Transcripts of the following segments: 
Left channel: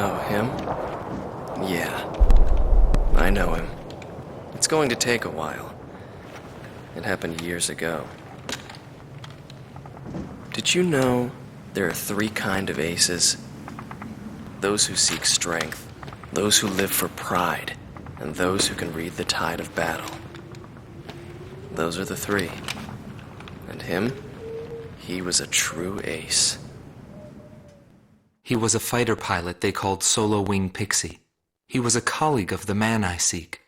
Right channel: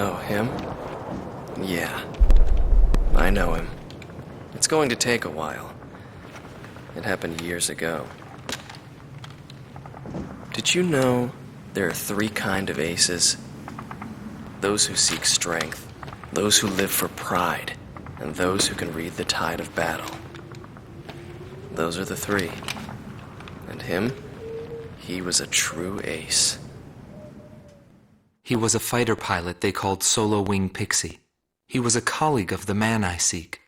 Oh, him? Yeah. I know him. It's going to take a while. It happened years ago. Did you know there are 3 kinds of aces? Those who seek strength, those who live for pride, and those who can read the tide of battle. Those are the 3. And him? He was a true ace. He was a fighter pilot they called Solo Wing Pixie. He was a colleague of the man I seek.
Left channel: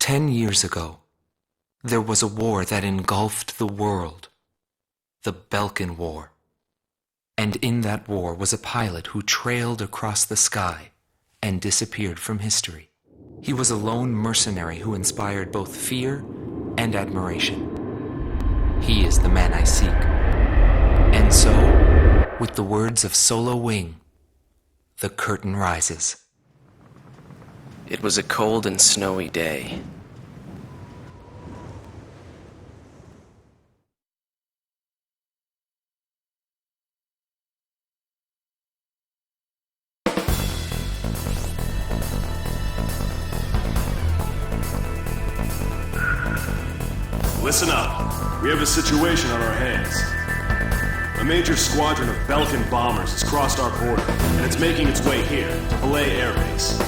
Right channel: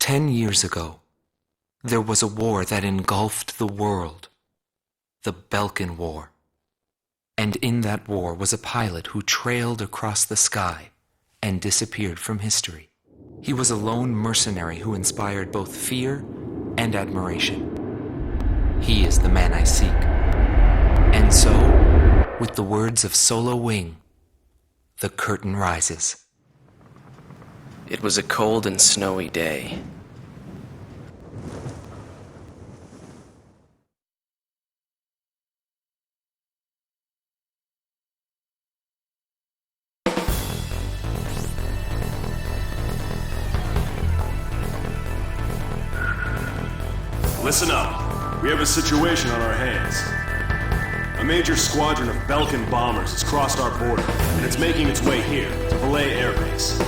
10 years ago, there was a war that engulfed the world. The Belkan War. And in that war was a pilot who trailed across the sky and disappeared from history. He was a lone mercenary who inspired both fear and admiration. He is the man I seek. And so, with the words of Solo Wing, the curtain rises. It was a cold and snowy day. Listen up. We have a situation on our hands. A major squadron of Belkan bombers has crossed our border, and it's making its way here, to Belay Air Base.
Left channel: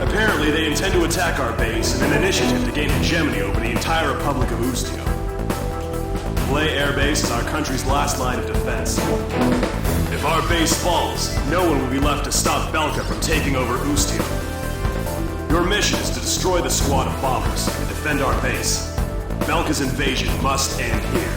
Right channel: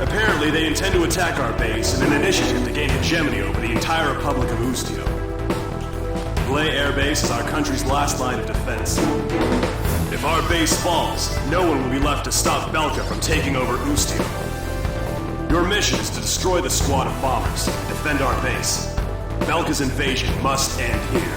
Apparently, they intend to attack our base in an initiative to gain hegemony over the entire Republic of Ustio. Belay Air Base is our country's last line of defense. If our base falls, no one will be left to stop Belka from taking over Ustio. Your mission is to destroy the squad of bombers and defend our base. Belka's invasion must end here.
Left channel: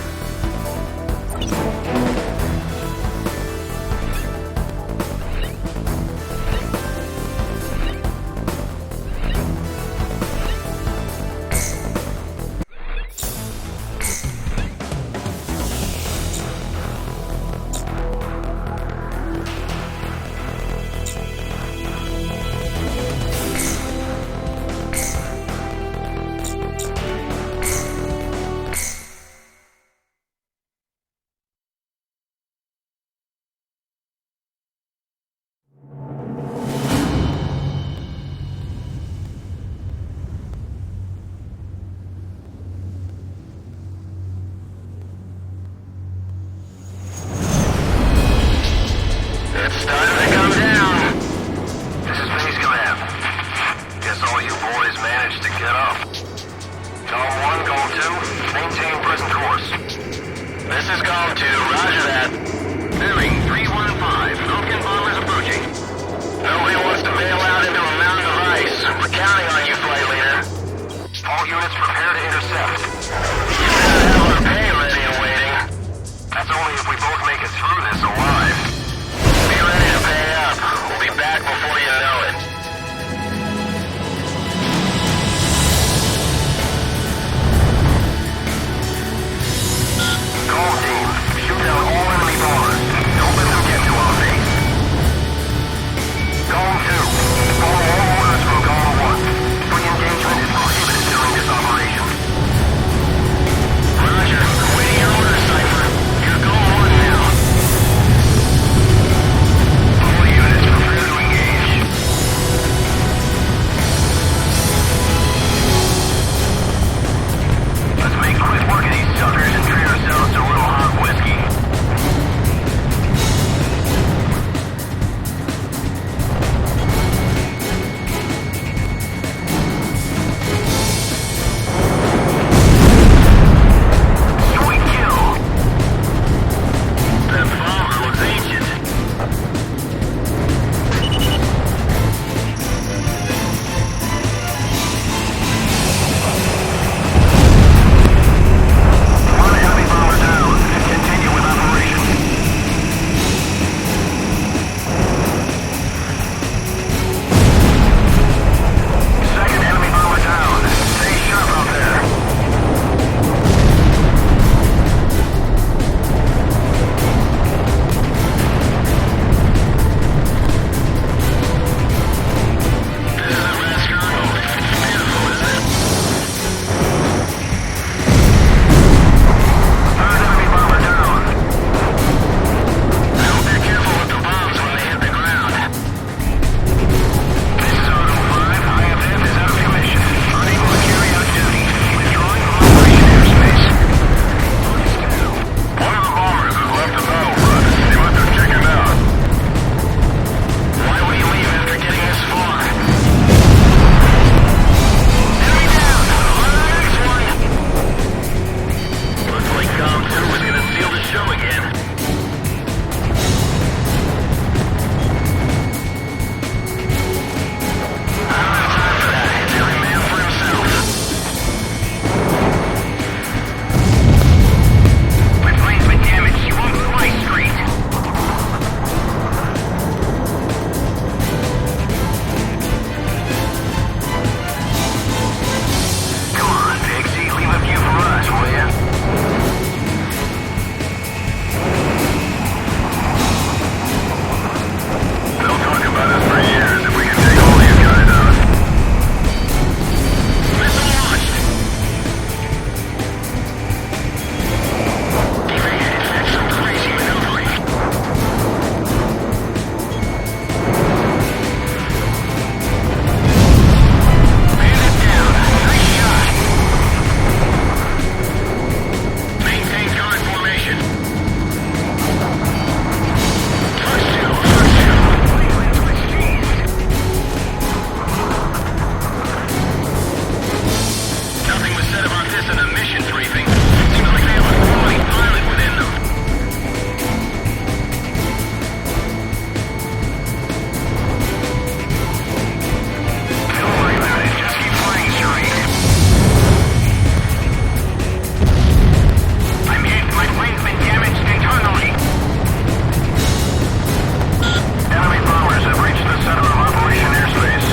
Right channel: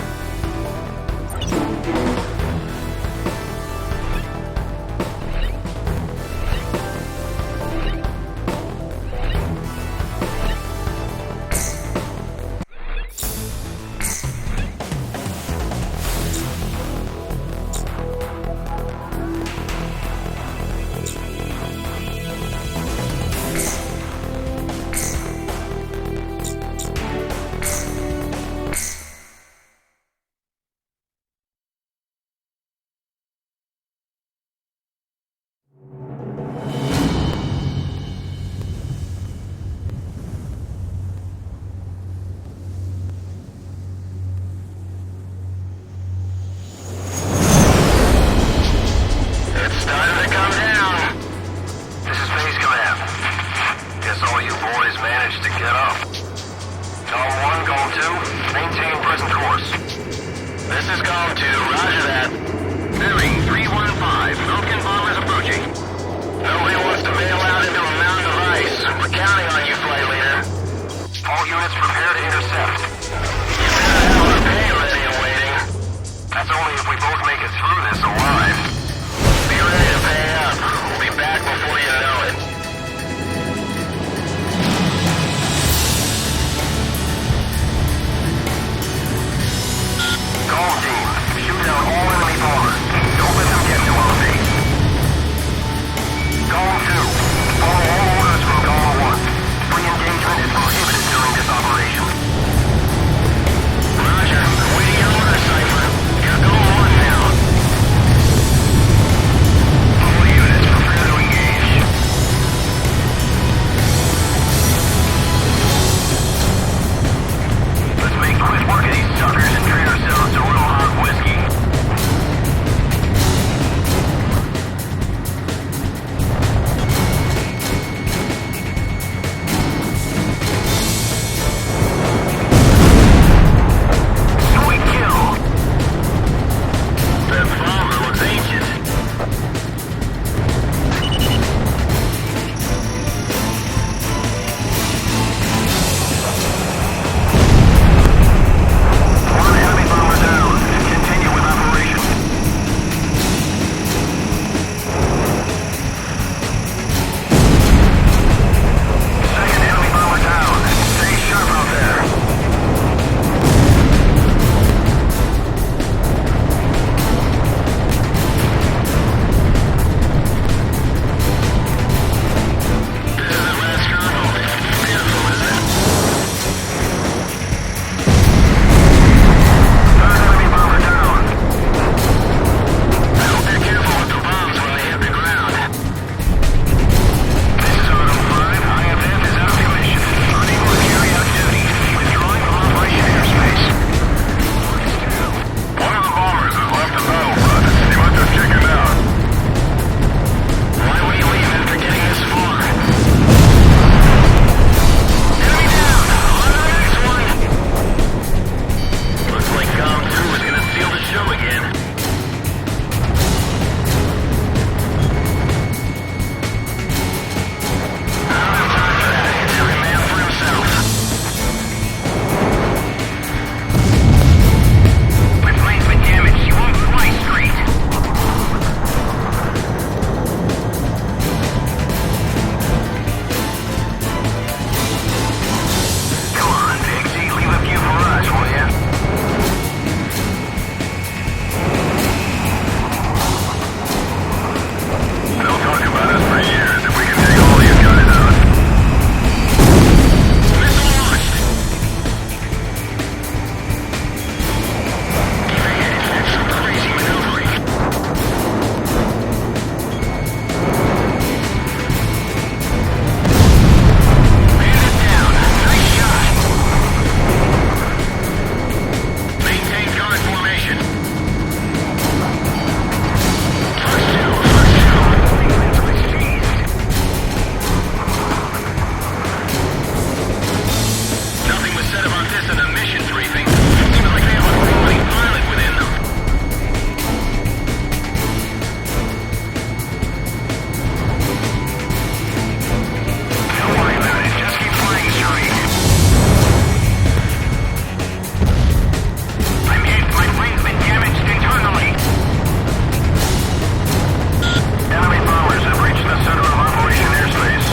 reached the center of Operation Airspace.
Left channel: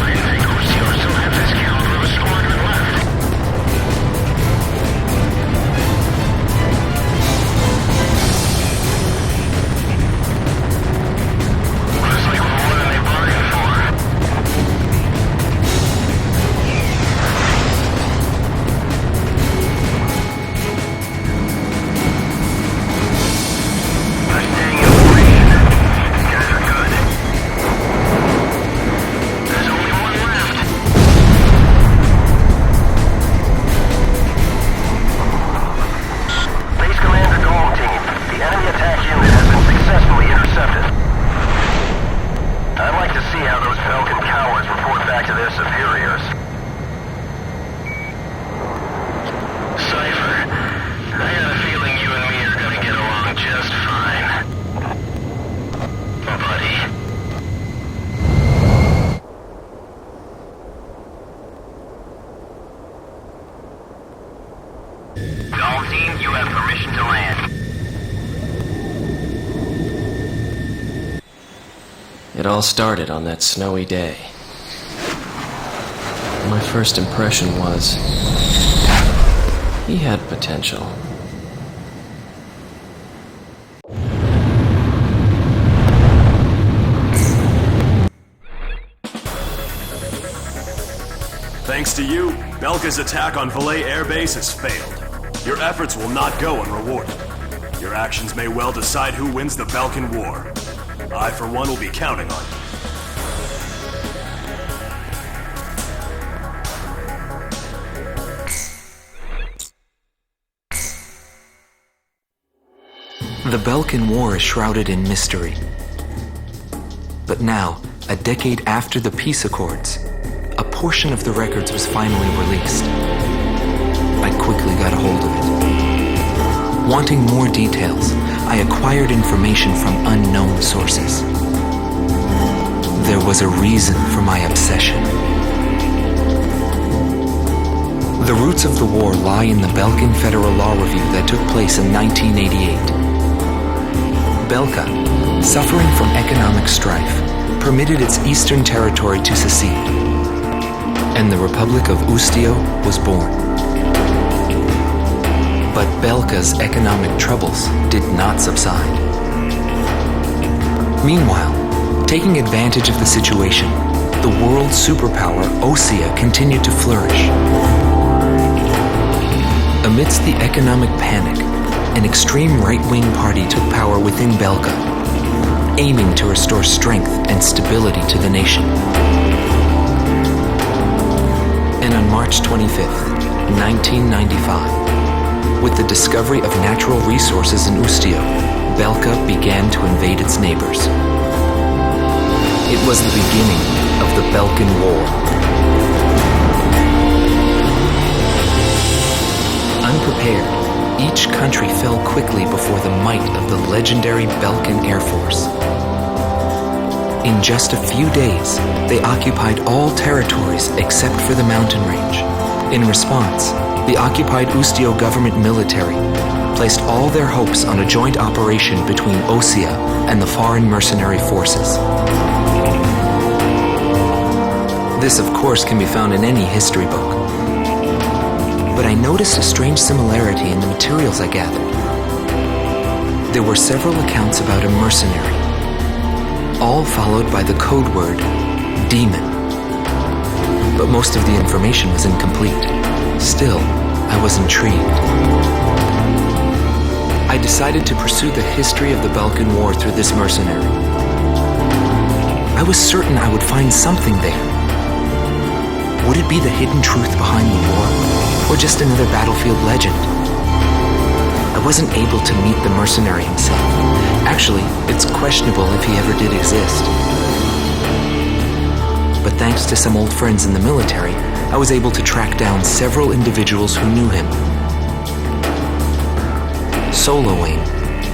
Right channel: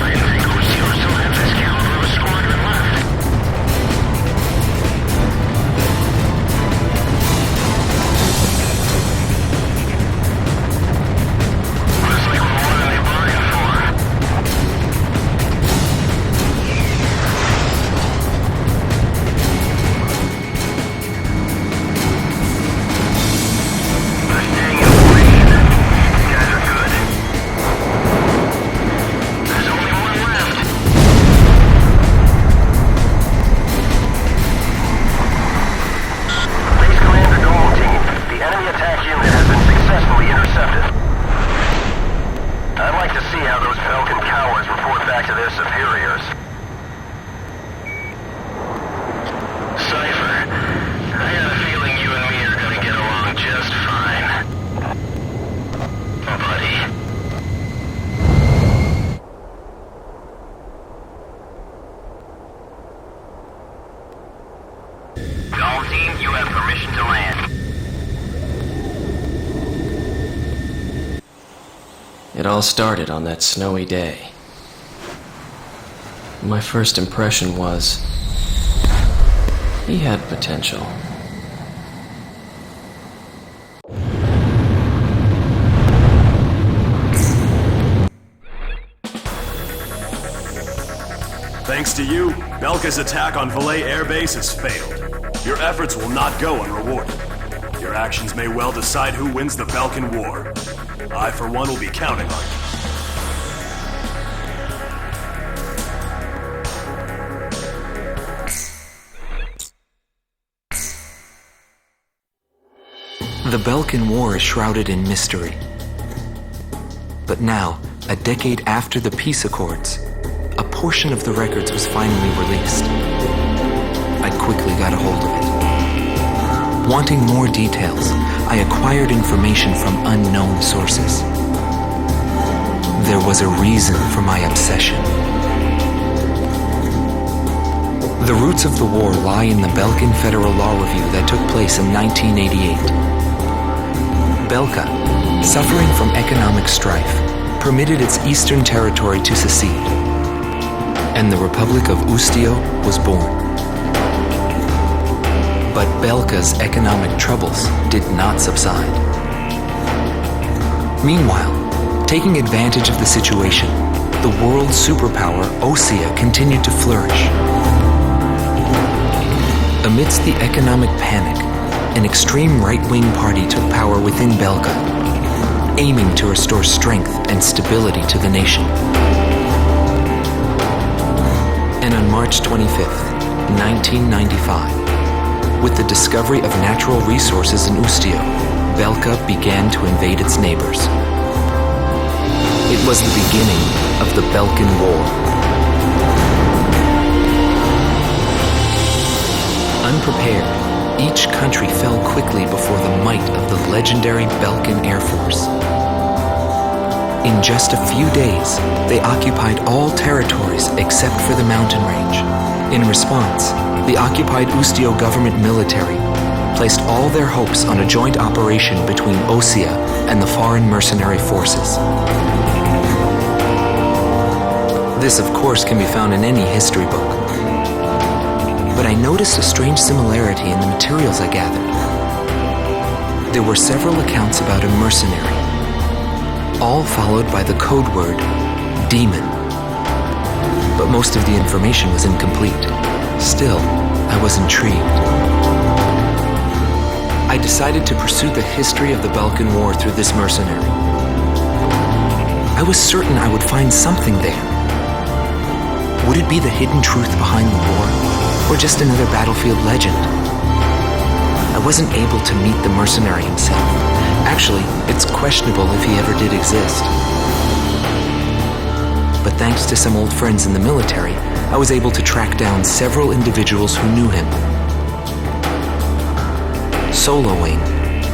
I didn't think Ucio still had this caliber of a squadron left. Looks like we're more than they bargained for. They're staying in formation. These guys are good. There's only one left. Base Commander Galm team, the enemy attack unit has been successfully intercepted. I'd like to see how those Belkan cowards report back to their superiors. Cypher, I got a feeling you and me are gonna get along just fine. Buddy. All team, you have permission to land. It all started on that snowy day. My first impression was, he had potential. Thanks to you, Belka's attack on Valais Air Base has failed. Your efforts will not go unrewarded. Your actions may well decide who wins the Belkan War. I, for one, will be counting on you. The Belkan War is shrouded in mystery. But now, a decade after the peace accords, a portion of the records was finally released. I quickly got a hold of it. Wanting more details, I acquired information from unknown sources. There was a reason for my obsession. The roots of the war lie in the Belkan Federal Law Review that took place in 1988. Belka, suffering from economic strife, permitted its eastern territory to secede, and the Republic of Ustio was born. But Belka's economic troubles did not subside. Meanwhile, taking advantage of the situation, the world superpower Osea continued to flourish. Amidst the economic panic, an extreme right-wing party took power within Belka, aiming to restore strength and stability to the nation. And on March 25th, 1995, with the discovery of natural resources in Ustio, Belka began to invade its neighbors. It was the beginning of the Belkan War. Unprepared, each country fell quickly before the might of the legendary Belkan Air Force. In just a few days, they occupied all territories except for the mountain range. In response, the occupied Ustio government military placed all their hopes on a joint operation between Osea and the foreign mercenary forces. This, of course, can be found in any history book. But I noticed a strange similarity in the materials I gathered. There were several accounts about a mercenary, all followed by the code word, demon. But most of the information was incomplete. Still, I was intrigued. I decided to pursue the history of the Belkan War through this mercenary. I was certain I would find something there. Would it be the hidden truth behind the war, or just another battlefield legend? I wasn't able to meet the mercenary himself. Actually, it's questionable if he ever did exist. But thanks to some old friends in the military, I was able to track down several individuals who knew him. Soloing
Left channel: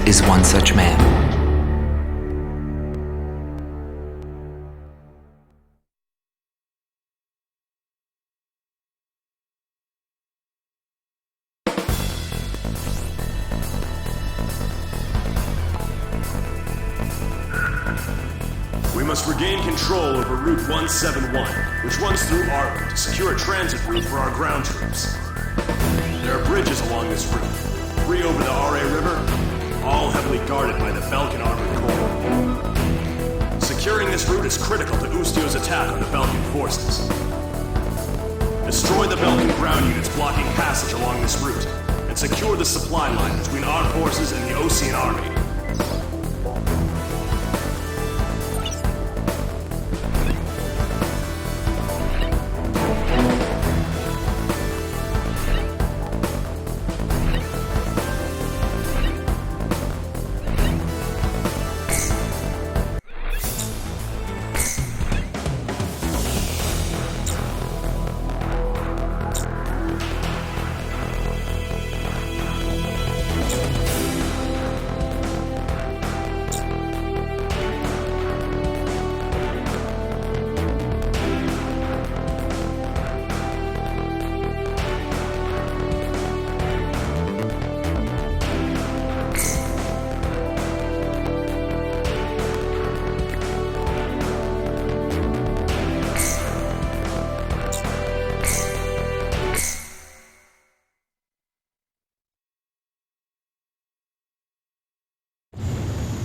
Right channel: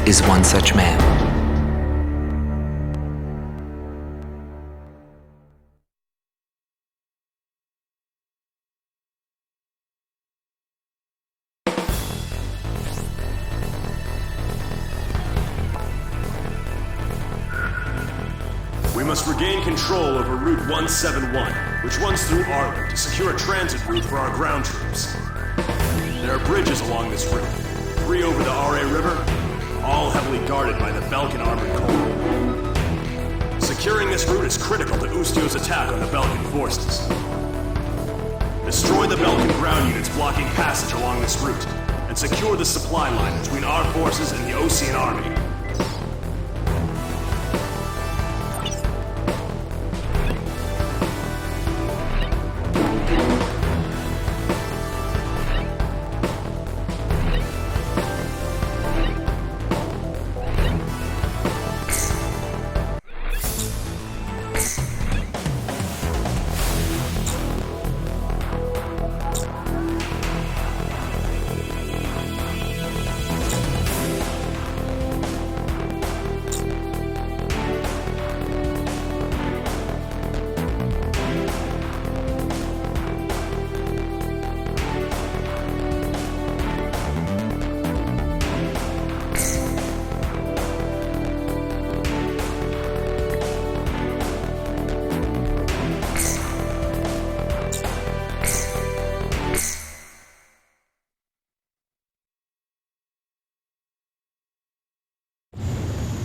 is one such man. must regain control over Route 171, which runs through Arlen to secure a transit route for our ground troops. There are bridges along this route, 3 over the RA River, all heavily guarded by the Belkan Armored Corps. Securing this route is critical to Ustio's attack on the Belkan forces. Destroy the Belkan ground units blocking passage along this route, and secure the supply line between our forces and the Osean army.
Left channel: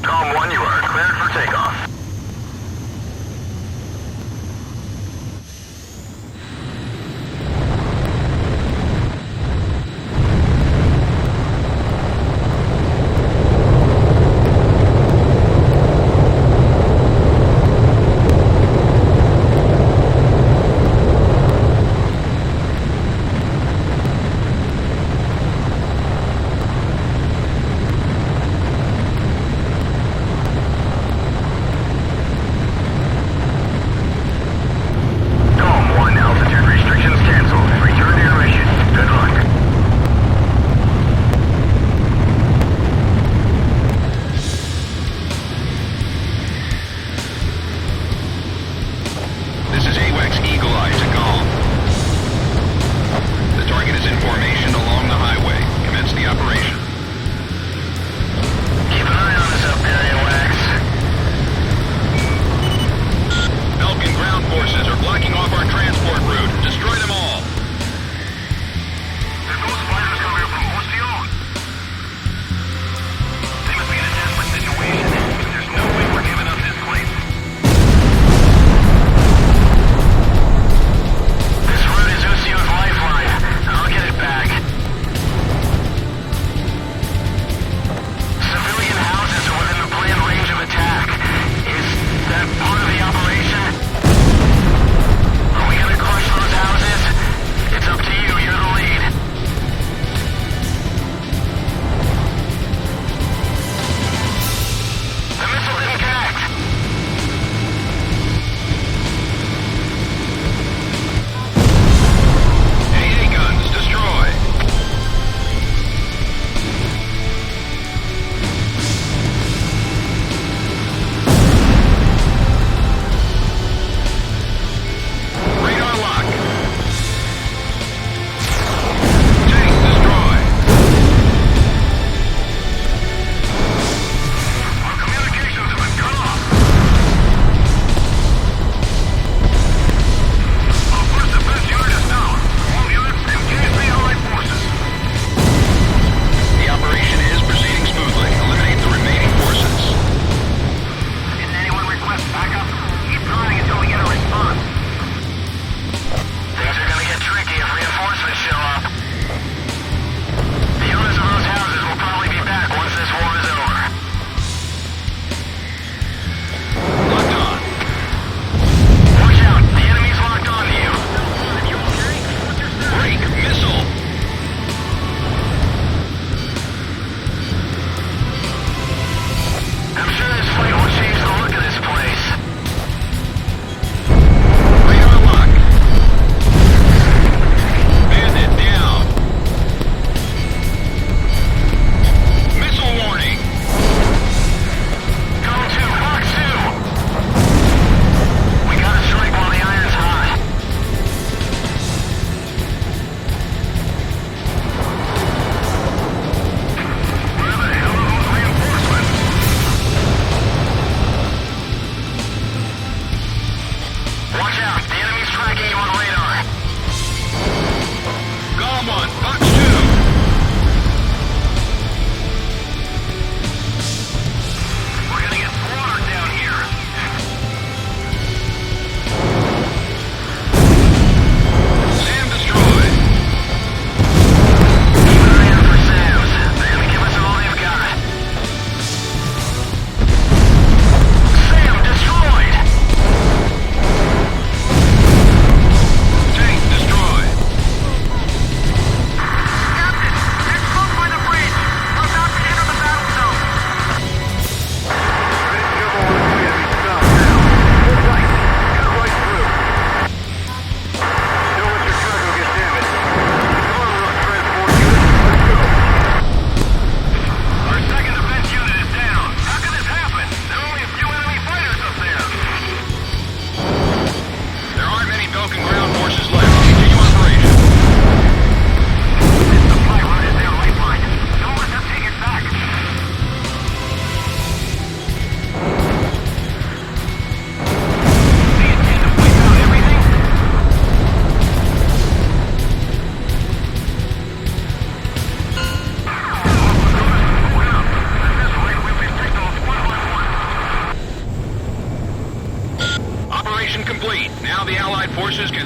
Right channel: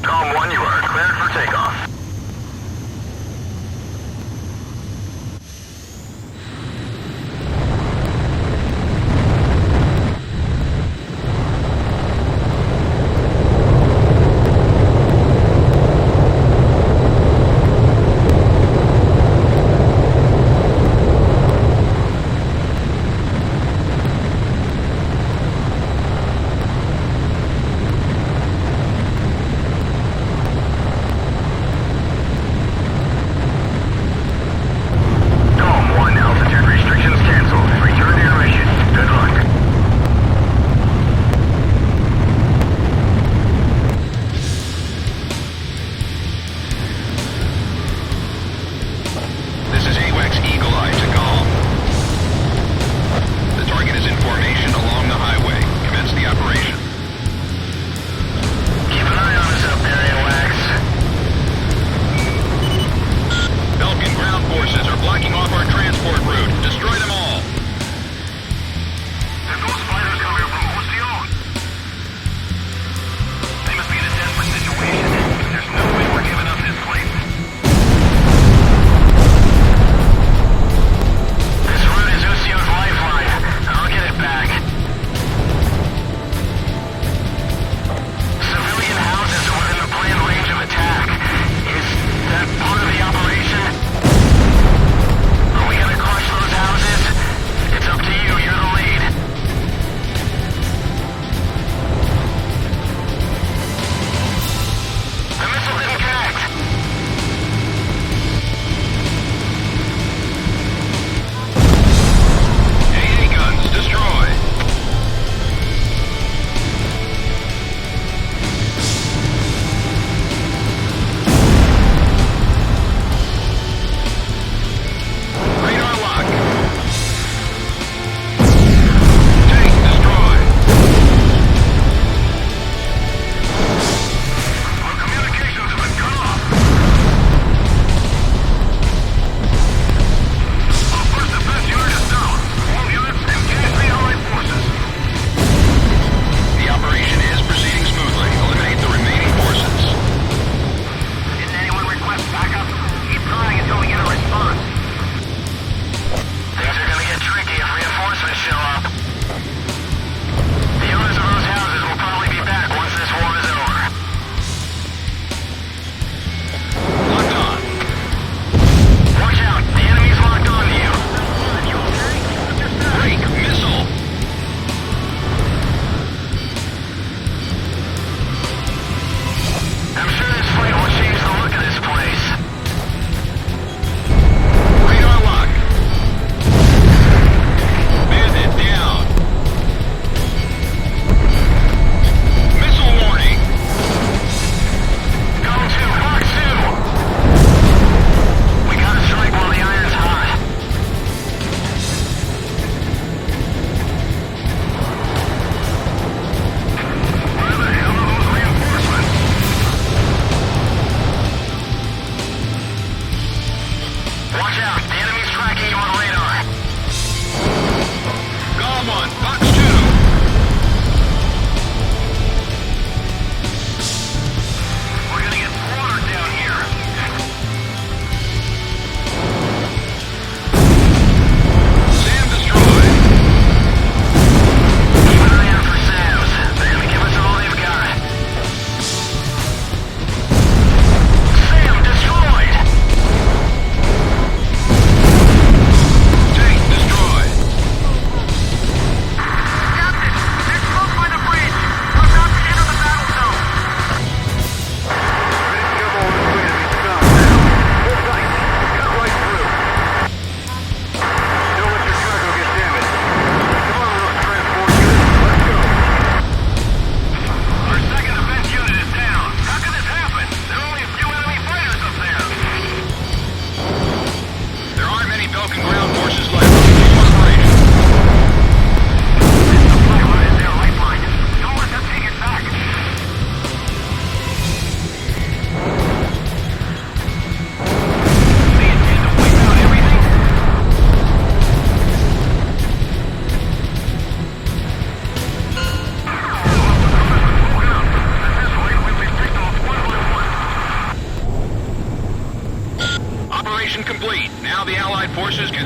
Galm 1, you are cleared for takeoff. This is AWACS Eagle Eye to Galm. The target is in formation along the highway. Commence the operation. Keep an eye on us up there, AWACS. Belkan ground forces are blocking off our transport route. Destroy them all. There's those fighters coming up from Ordeal. They must be in a desperate situation. There's no way we're giving up this place. This route is Usio's lifeline. I'll get it back. Civilian houses are within the planned range of attack. Is that part of the operation? Are we gonna crush those houses? It's up to you. You're the lead. The missile didn't connect. AA guns, destroy. Radar lock. Tank, destroy. Our communications have been cut off. Our first defense unit is down. All units engage the Allied forces. The operation is proceeding smoothly. Eliminate the remaining forces. Didn't anyone request backup? Keep trying until we get a response.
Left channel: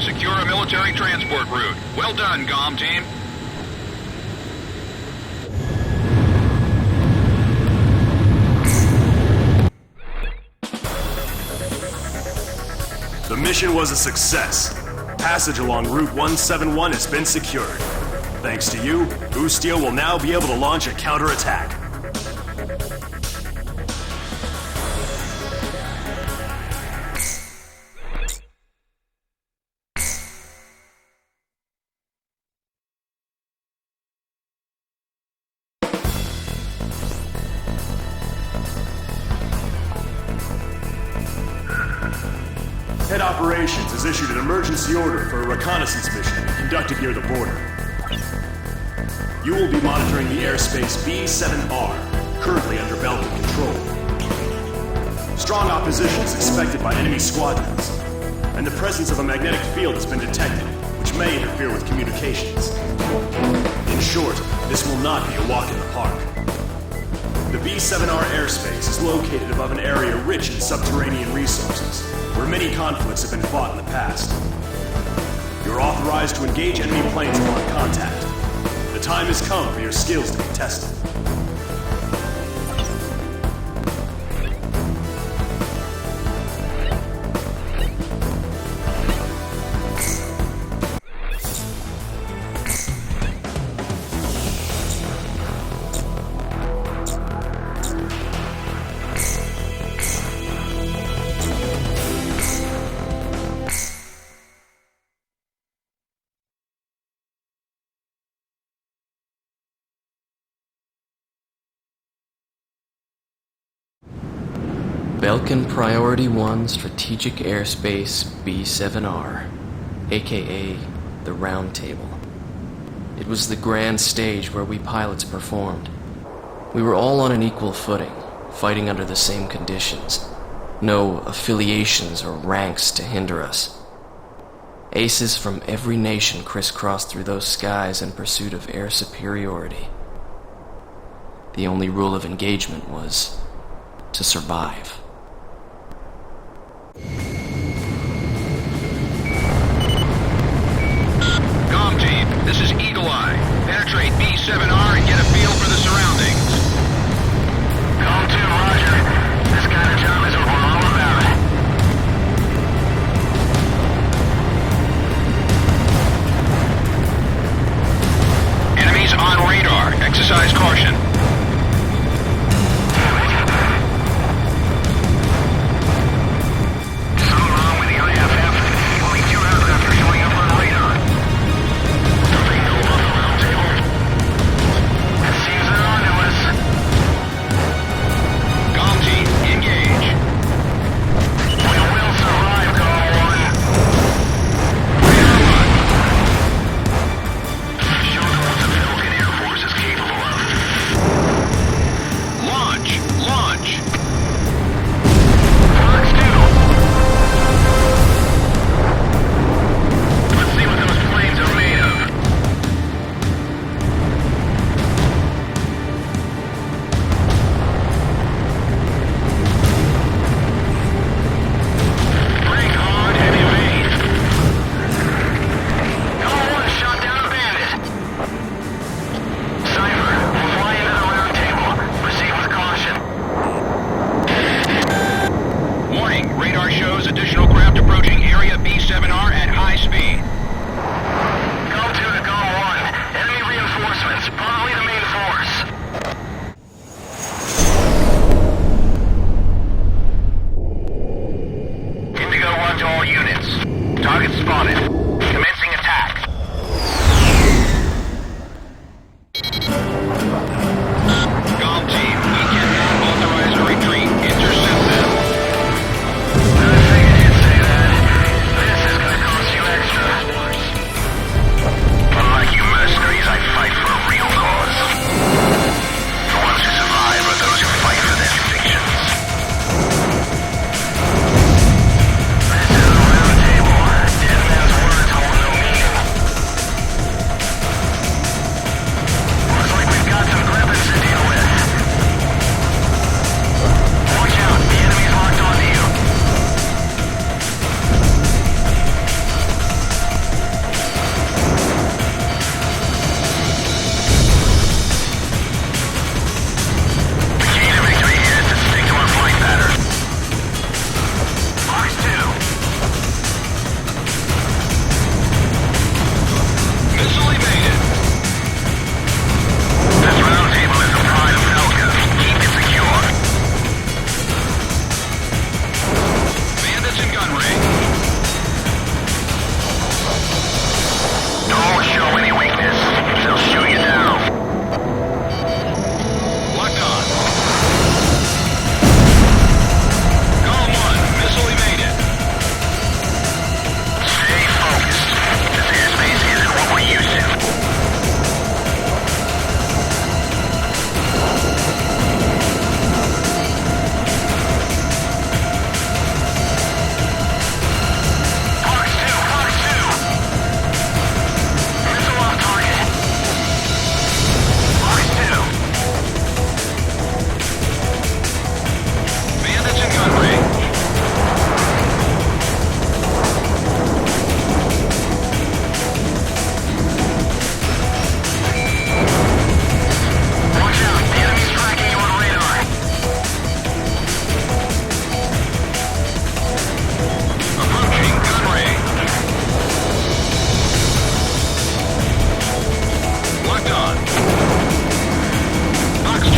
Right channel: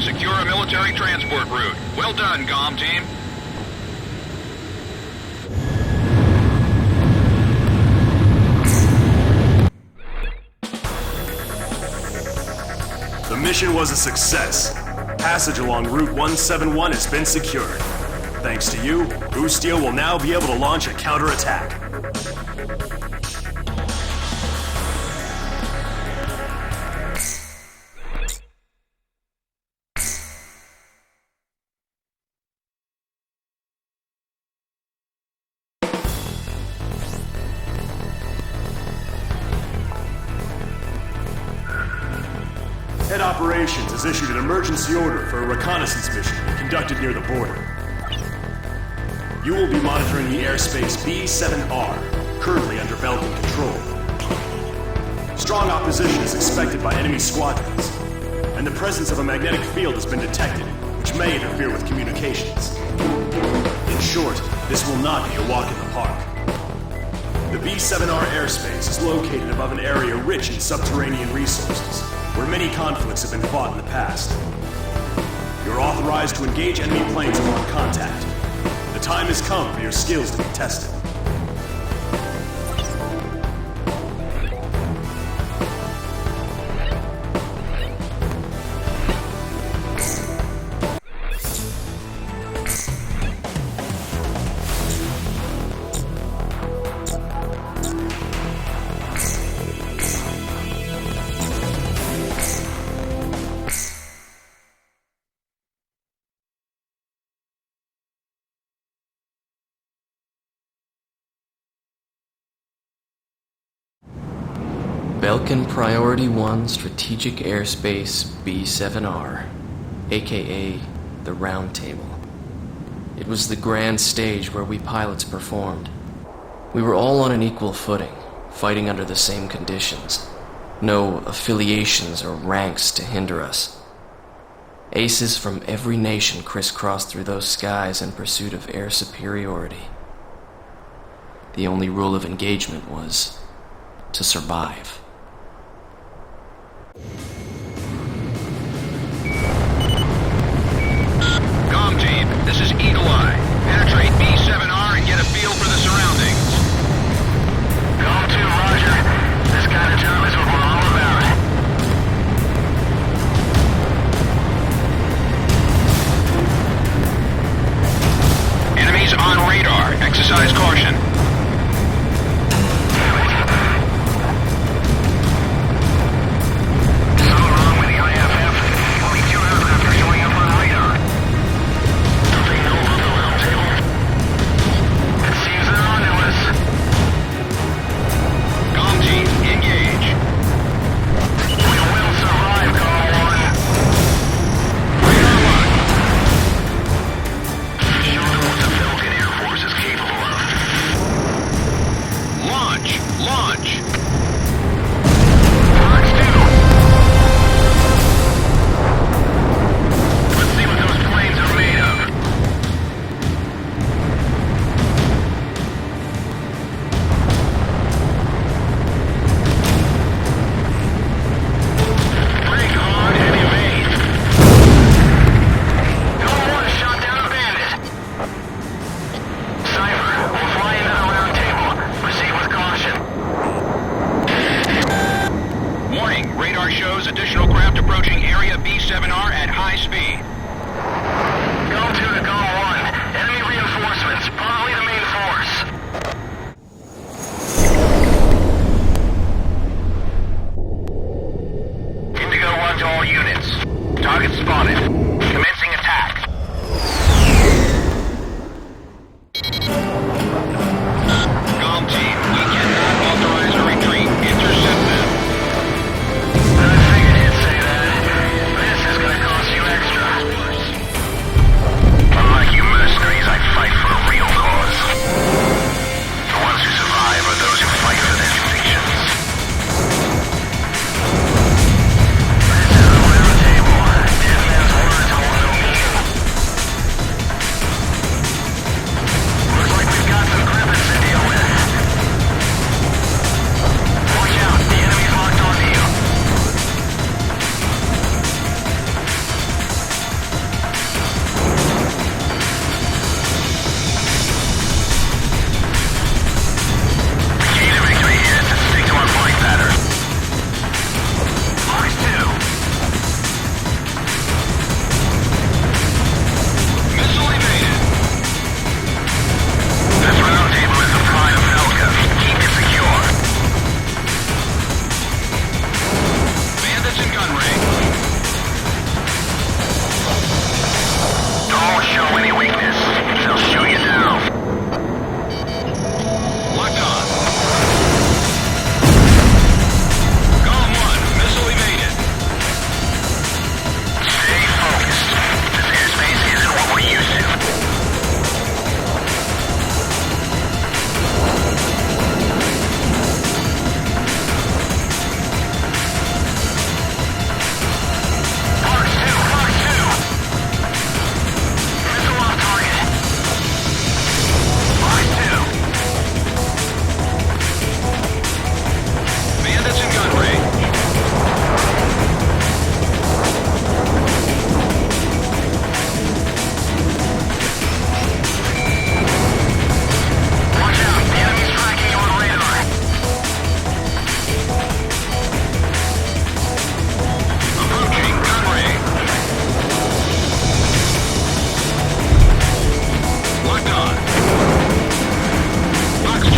and secure a military transport route. Well done, Galm team. The mission was a success. Passage along Route 171 has been secured. Thanks to you, Ordeal will now be able to launch a counterattack. Head Operations has issued an emergency order for a reconnaissance mission to be conducted near the border. You will be monitoring the airspace B-7R, currently under Belkan control. Strong opposition is expected by enemy squadrons, and the presence of a magnetic field has been detected, which may interfere with communications. In short, this will not be a walk in the park. The B-7R airspace is located above an area rich in subterranean resources, where many conflicts have been fought in the past. You're authorized to engage enemy planes upon contact. The time has come for your skills to be tested. Belkan Priority 1 Strategic Airspace B-7R, aka the Round Table. It was the grand stage where we pilots performed. We were all on an equal footing, fighting under the same conditions. No affiliations or ranks to hinder us. Aces from every nation crisscrossed through those skies in pursuit of air superiority. The only rule of engagement was to survive. Galm team, this is Eagle Eye. Penetrate B-7R and get a feel for the surroundings. Galm 2, roger. This kind of job is what we're all about. Enemies on radar. Exercise caution. Damn it. Something wrong with the IFF. Only 2 aircraft are showing up on radar. Don't they know about the round table? It seems they're on to us. Galm team, engage. We will survive, Galm 1. Radar lock. Show them what the Belkan Air Force is capable of. Missile evaded. This roundtable is the pride of Belkan. Keep it secure. Bandits in gun range. Don't show any weakness. They'll shoot you down. Locked on. Galm 1, missile evaded. Stay focused. This airspace isn't what we're used to. Fox 2! Missile off target. Fox 2. Bandits in gun range. Watch out, the enemy's tracking you on radar. Approaching gun range. Locked on. Fox 2.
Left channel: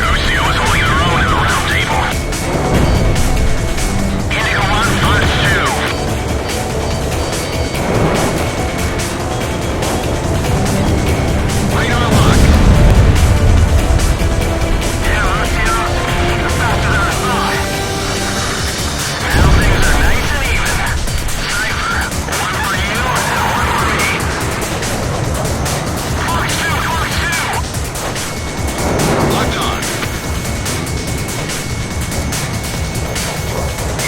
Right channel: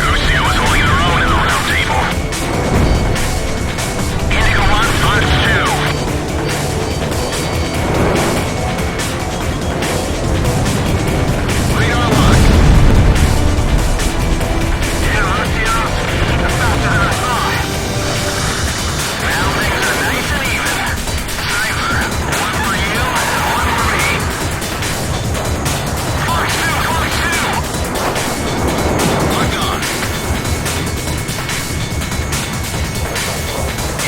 Lucio is holding their own in the round table. Indigo 1, Fox 2. Radar lock. Yeah, Lucio, you're faster than I thought. Now things are nice and even. Cypher, one for you and one for me. Fox 2! Locked on.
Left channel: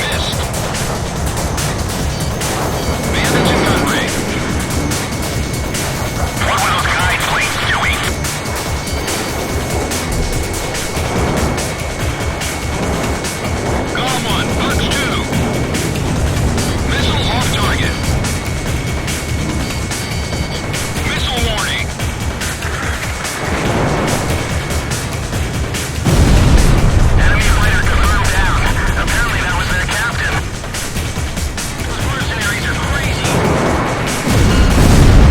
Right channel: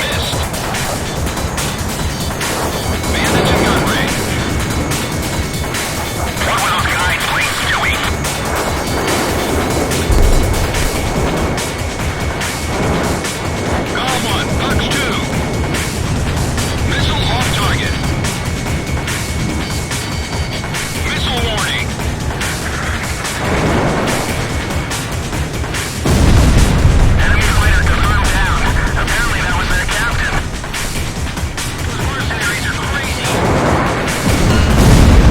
Missed. Bandits in gun range. What were those guide planes doing? Galm 1, Fox 2. Missile off target. Missile warning. Enemy fighter confirmed down. Apparently that was their captain. Those mercenaries are crazy.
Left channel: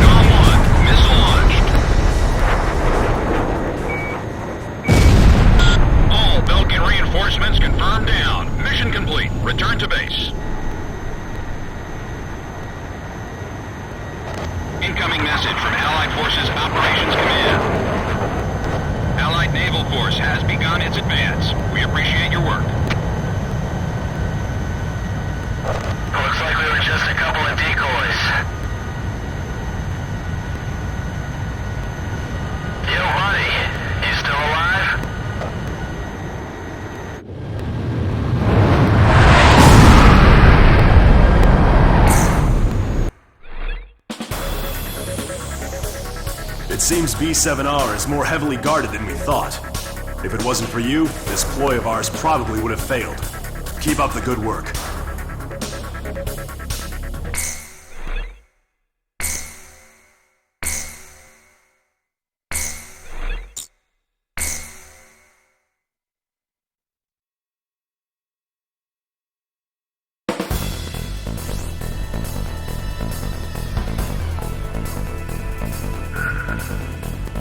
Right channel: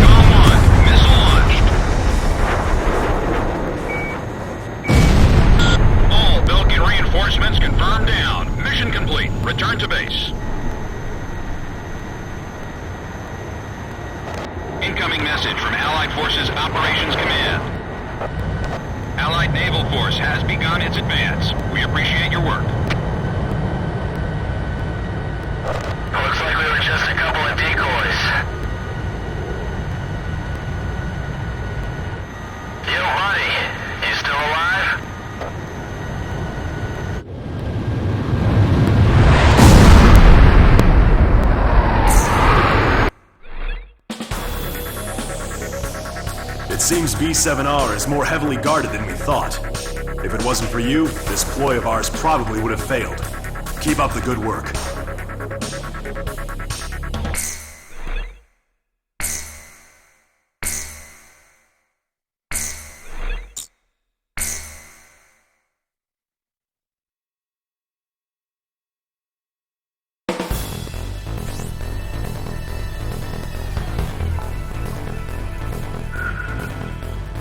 Galm 1, missile launched. All Belkan reinforcements confirmed down. Mission complete. Return to base. Incoming message from Allied Forces Operations Command. Allied Naval Force has begun its advance. We appreciate your work. Looks like we were just a couple of decoys. Yo, buddy. You still alive? It seems B7R is more heavily guarded than we thought. If it wasn't for you, this ploy of ours probably would have failed. Keep up the good work.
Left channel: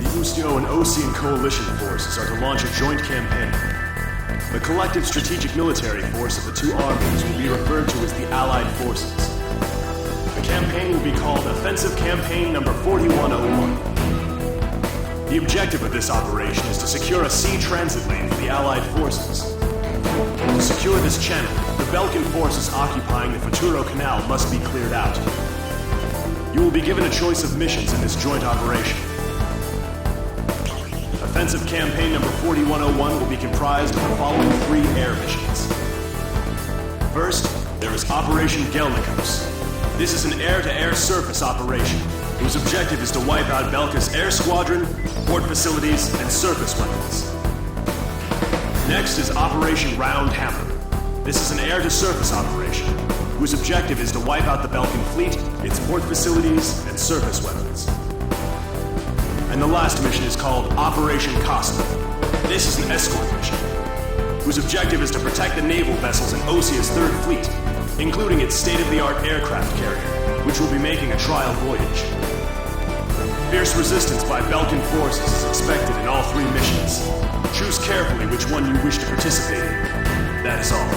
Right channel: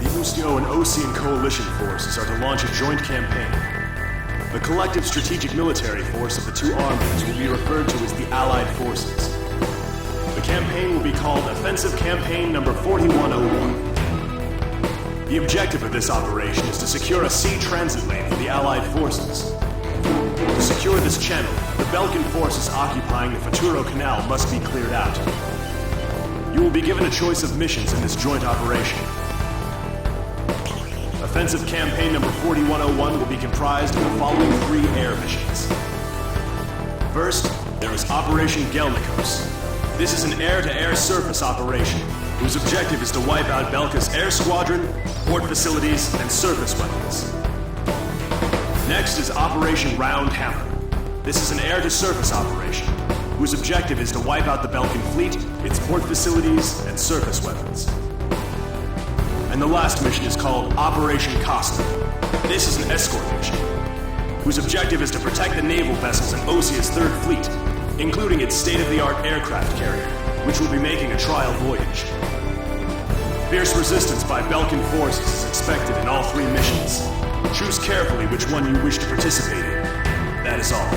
The Ustio and Osean coalition forces are to launch a joint campaign. The collective strategic military force of the two armies will be referred to as the Allied Forces. The campaign will be called Offensive Campaign Number 4101. The objective of this operation is to secure a sea transit lane for the Allied forces. To secure this channel, the Belkan forces occupying the Futuro Canal must be cleared out. You will be given a choice of missions in this joint operation. Offensive Campaign Number 4101 will be comprised of the following 3 air missions. First, there is Operation Gelnikos. This is an air-to-air surface operation, whose objective is to wipe out Belka's air squadron, port facilities, and surface weapons. Next is Operation Round Hammer. This is an air-to-surface operation, whose objective is to wipe out the Belkan fleet, its port facilities, and surface weapons. And the last mission is called Operation Costa. This is an escort mission, whose objective is to protect the naval vessels in Osia's 3rd Fleet, including its state-of-the-art aircraft carrier, which will be making a trial voyage. Fierce resistance by Belkan forces is expected in all 3 missions. Choose carefully which one you wish to participate in. That is all.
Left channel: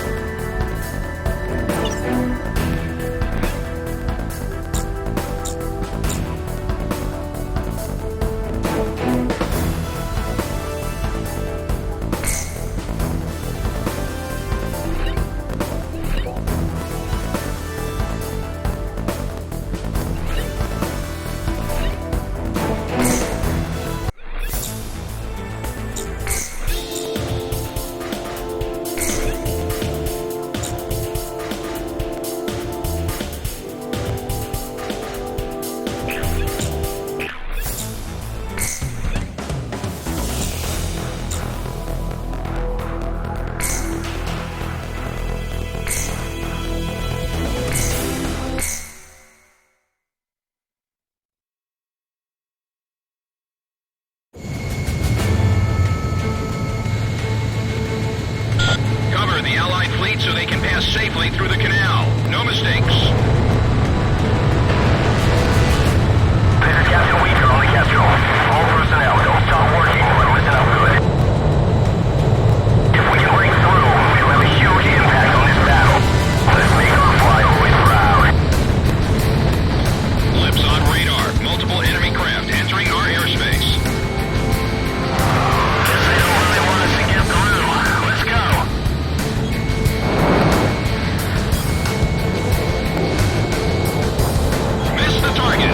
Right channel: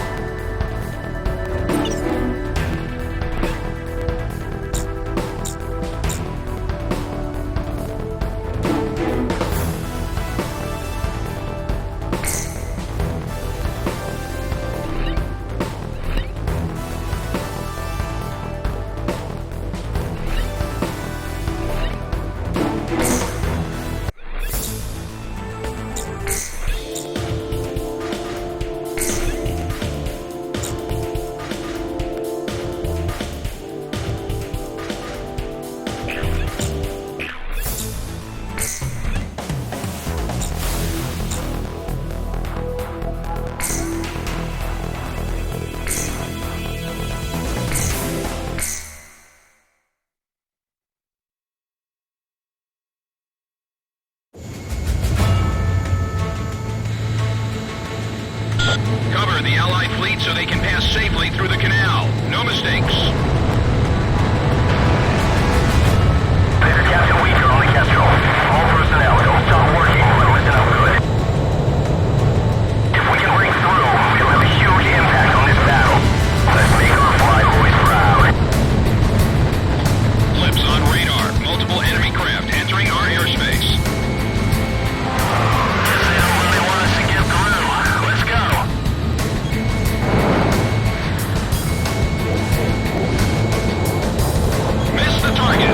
Cover the Allied fleet so they can pass safely through the canal. No mistakes. This is Captain Weaker on the Kestrel. All personnel, don't stop working, but listen up good. If we can break through, it'll have a huge impact on this battle. Let's make our flyboys proud. Lips on radar. Multiple enemy craft entering our airspace. Guess they don't really want us to get through. Let's go. Miss the target.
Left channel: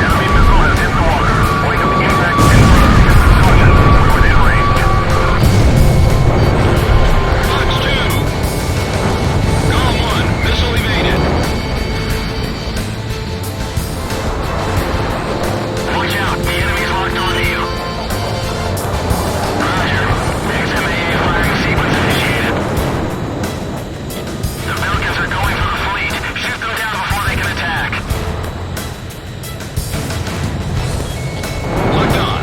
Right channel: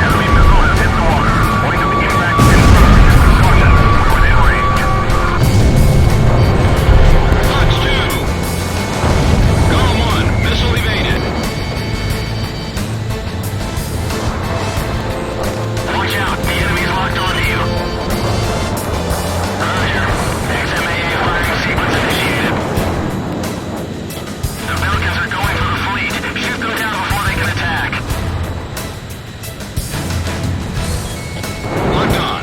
Enemy missile has hit the water. Point of impact confirmed. Caution, we're within range. Fox 2. Galm 1. Missile evaded. Watch out, the enemy's locked onto you. Roger. XMAA firing sequence initiated. The Belkans are going for the fleet. Shoot them down before they can attack. Locked on.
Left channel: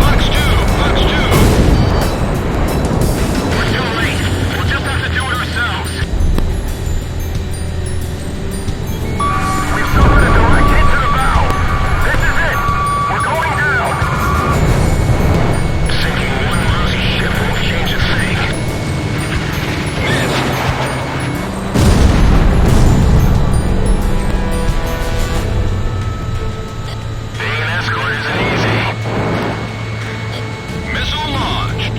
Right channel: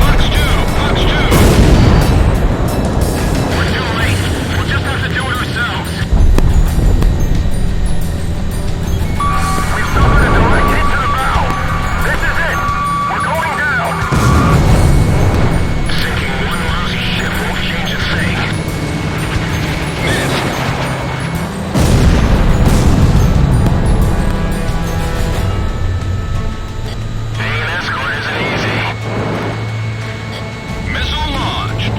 Fox 2. Fox 2. We're too late. We'll just have to do it ourselves. We've suffered a direct hit to the bow. This is it. We're going down. Sinking one lousy ship won't change a thing. Missed. Being an escort isn't easy. Missile launched.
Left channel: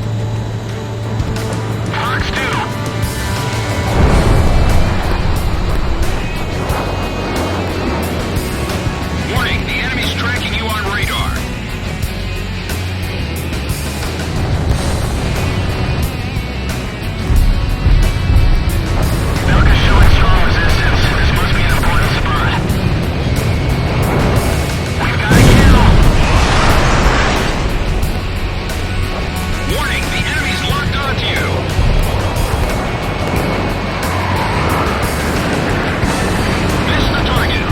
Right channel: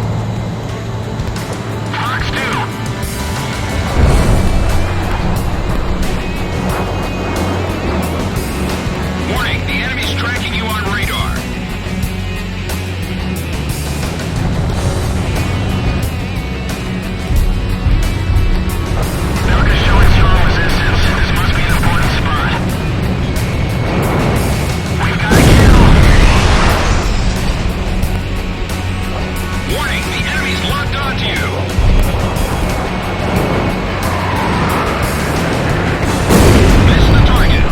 Fox 2. Warning, the enemy's tracking you on radar. Belka's showing strong resistance. This must be an important spot. We've got a kill! Warning, the enemy's locked onto you. Miss the target.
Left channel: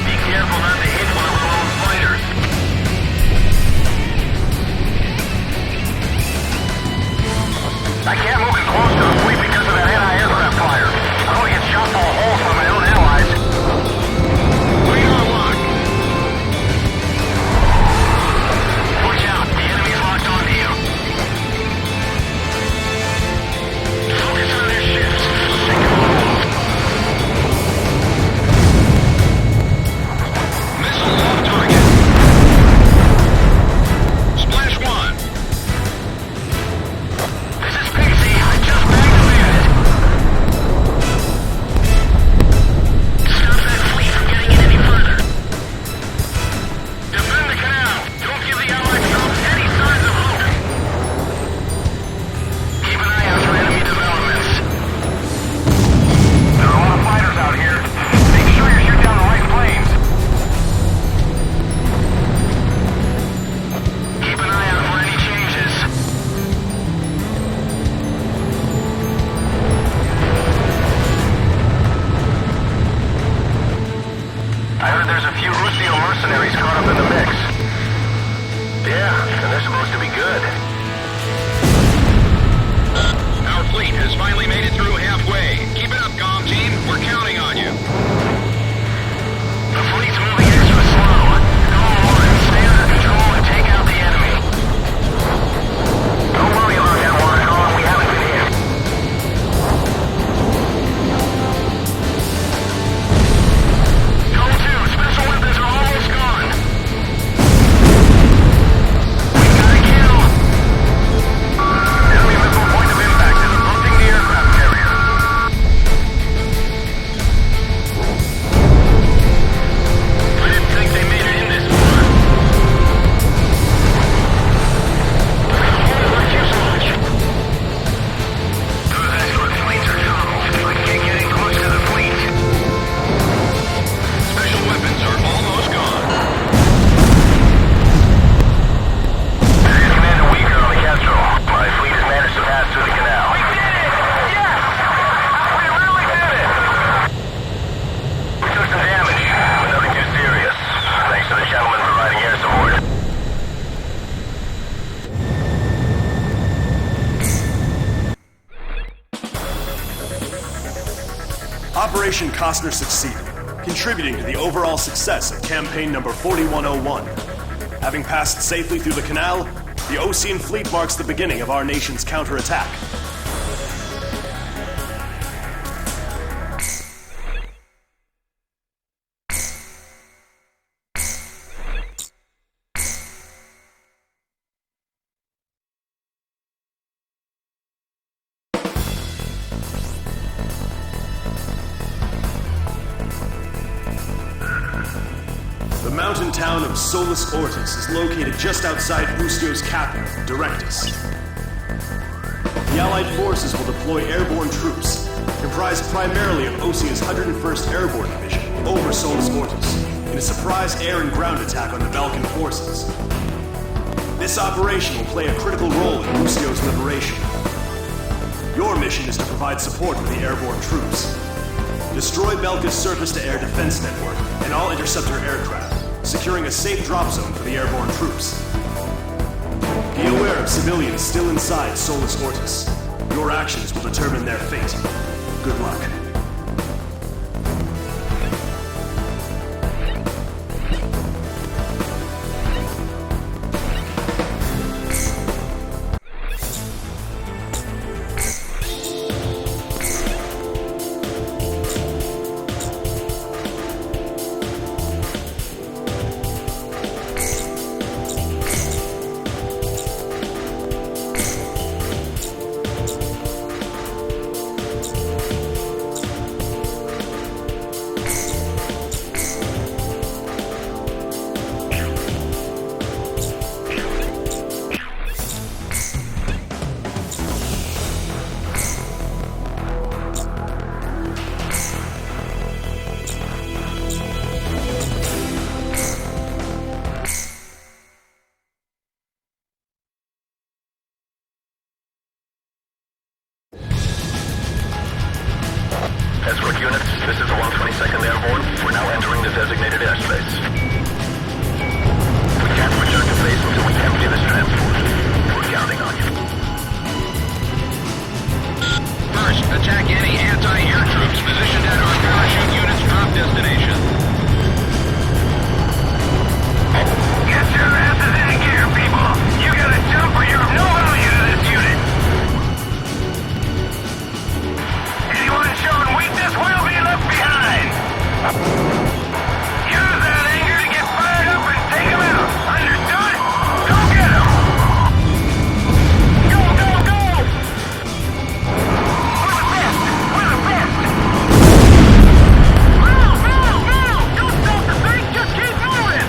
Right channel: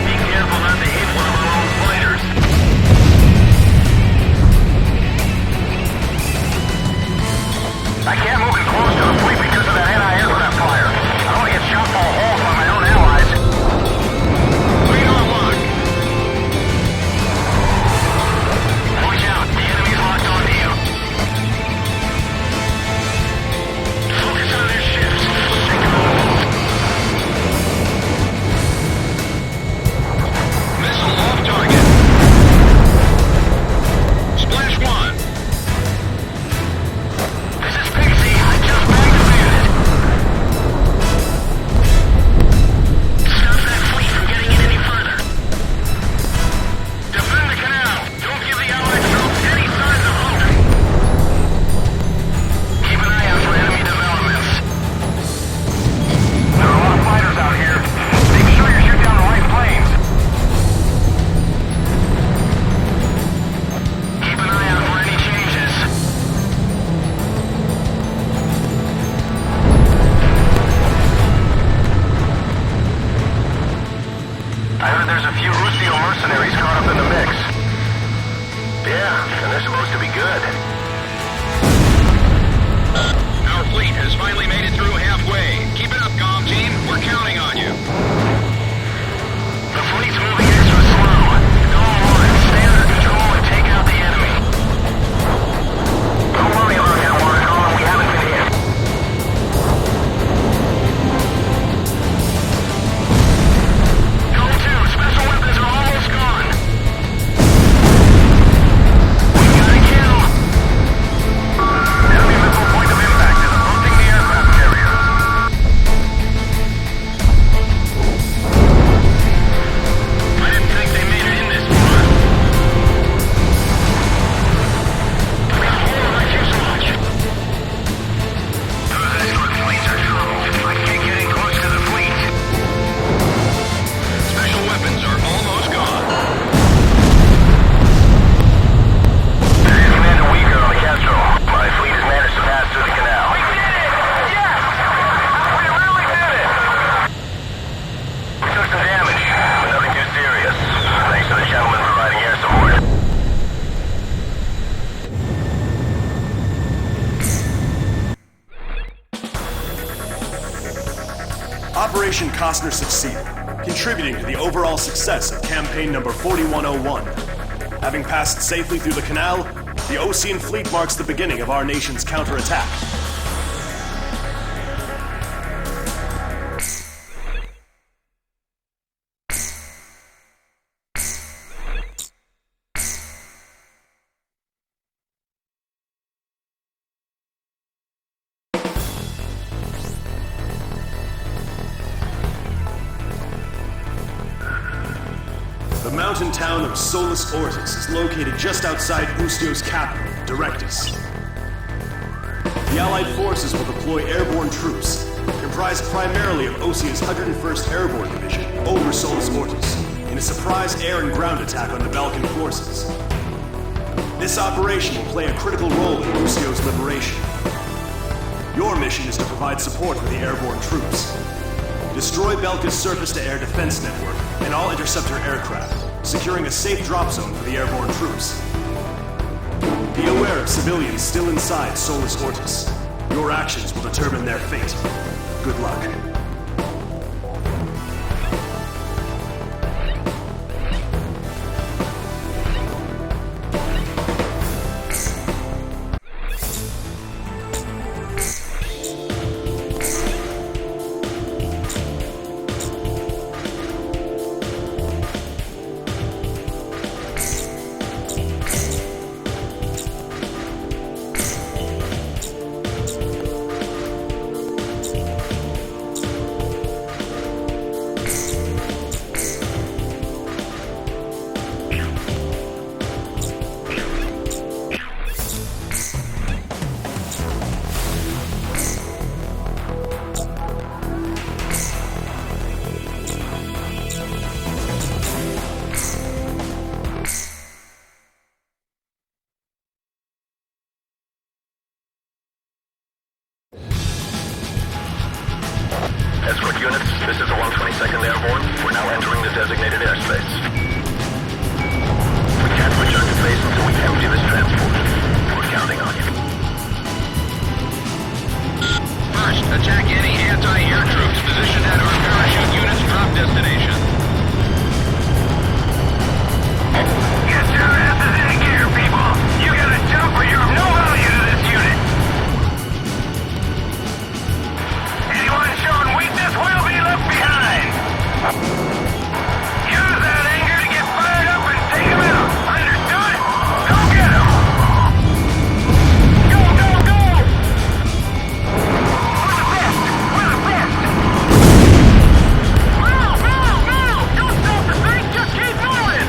Be careful not to hit one of our own fighters. I can't move in close to the fleet because of that anti-aircraft fire. I don't want to get shot full of holes by my own allies. Radar lock. Watch out, the enemy's locked onto you. Focus on their ships. Sink them all. Missile off target. Splash 1. This is Pixie. I just bagged a bandit. Stop that fleet from getting in any further. has finally made it through halfway. Keep it up, Galm team. We're counting on you. The fleet's moving extra slow. Galm 1, stay under control and take out the enemy. Don't worry about that water column. We haven't been hit. Galm 2, special weapons are almost gone. We've got a kill. Enemy missile point of impact is approaching the aircraft carrier. I didn't think they made it in this far. I've got a hole in my fuselage. Those escort fleets are trouble. I can't get in close to the fleet. Special weapons are almost gone. This is Commander Weaker on the Kestrel. My fleet has managed to pass through the canal. We did it! Yes! We really did it! We took some damage, but nothing too serious. Thanks to the gentleman providing air support. Operation Costner succeeded, contributing to the overall success of campaign number 4101. Having passed safely through the canal, the Ocean Fleet marks the beginning of our nation's counterattack. The mountain town of Solus Ortis is located just outside Ustio's capital, Directus. The Allied forces will deploy airborne troops, comprised primarily of Osia's 101st Airborne Division, over Solus Ortis, in a surprise air and ground attack on the Belkan forces. This operation will play a critical role in Ustio's liberation. Your mission is to provide support for the airborne troops. Destroy Belka's surface-to-air defense network and all interceptor aircraft, securing a safe drop zone for the airborne troops. Be aware of civilians still inside Solus Ortis. Your actions will determine their fate. Good luck. Escort units, this is the 122nd Airborne. We're now entering the designated airspace. We can't return to base until we empty this transport. We're counting on you. First, attack any anti-air troops positioned at our parachute unit's drop destination. Get your asses into gear, people! You gotta jump or you're of no value to this unit! Anyone showing weakness will be left behind! Use that anger to get fired up and take them out! Understood? Go get them! Go, go, go! We're the best! We're the best! Move, move, move! Don't stop the thing, just keep moving!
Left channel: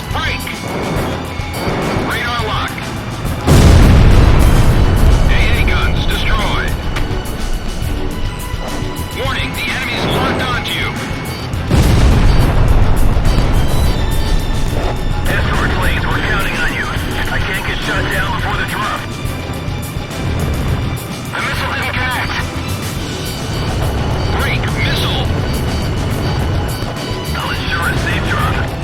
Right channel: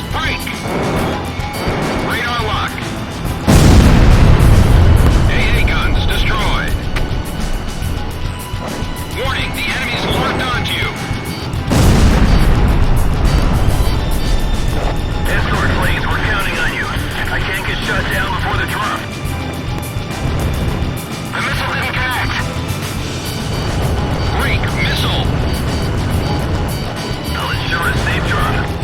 missile, break! Radar lock. AA guns destroyed. Warning, the enemy's locked onto you. Escort planes, we're counting on you. I can't get shut down before the drop. The missile didn't connect. Break, missile. I'll ensure a safe drop.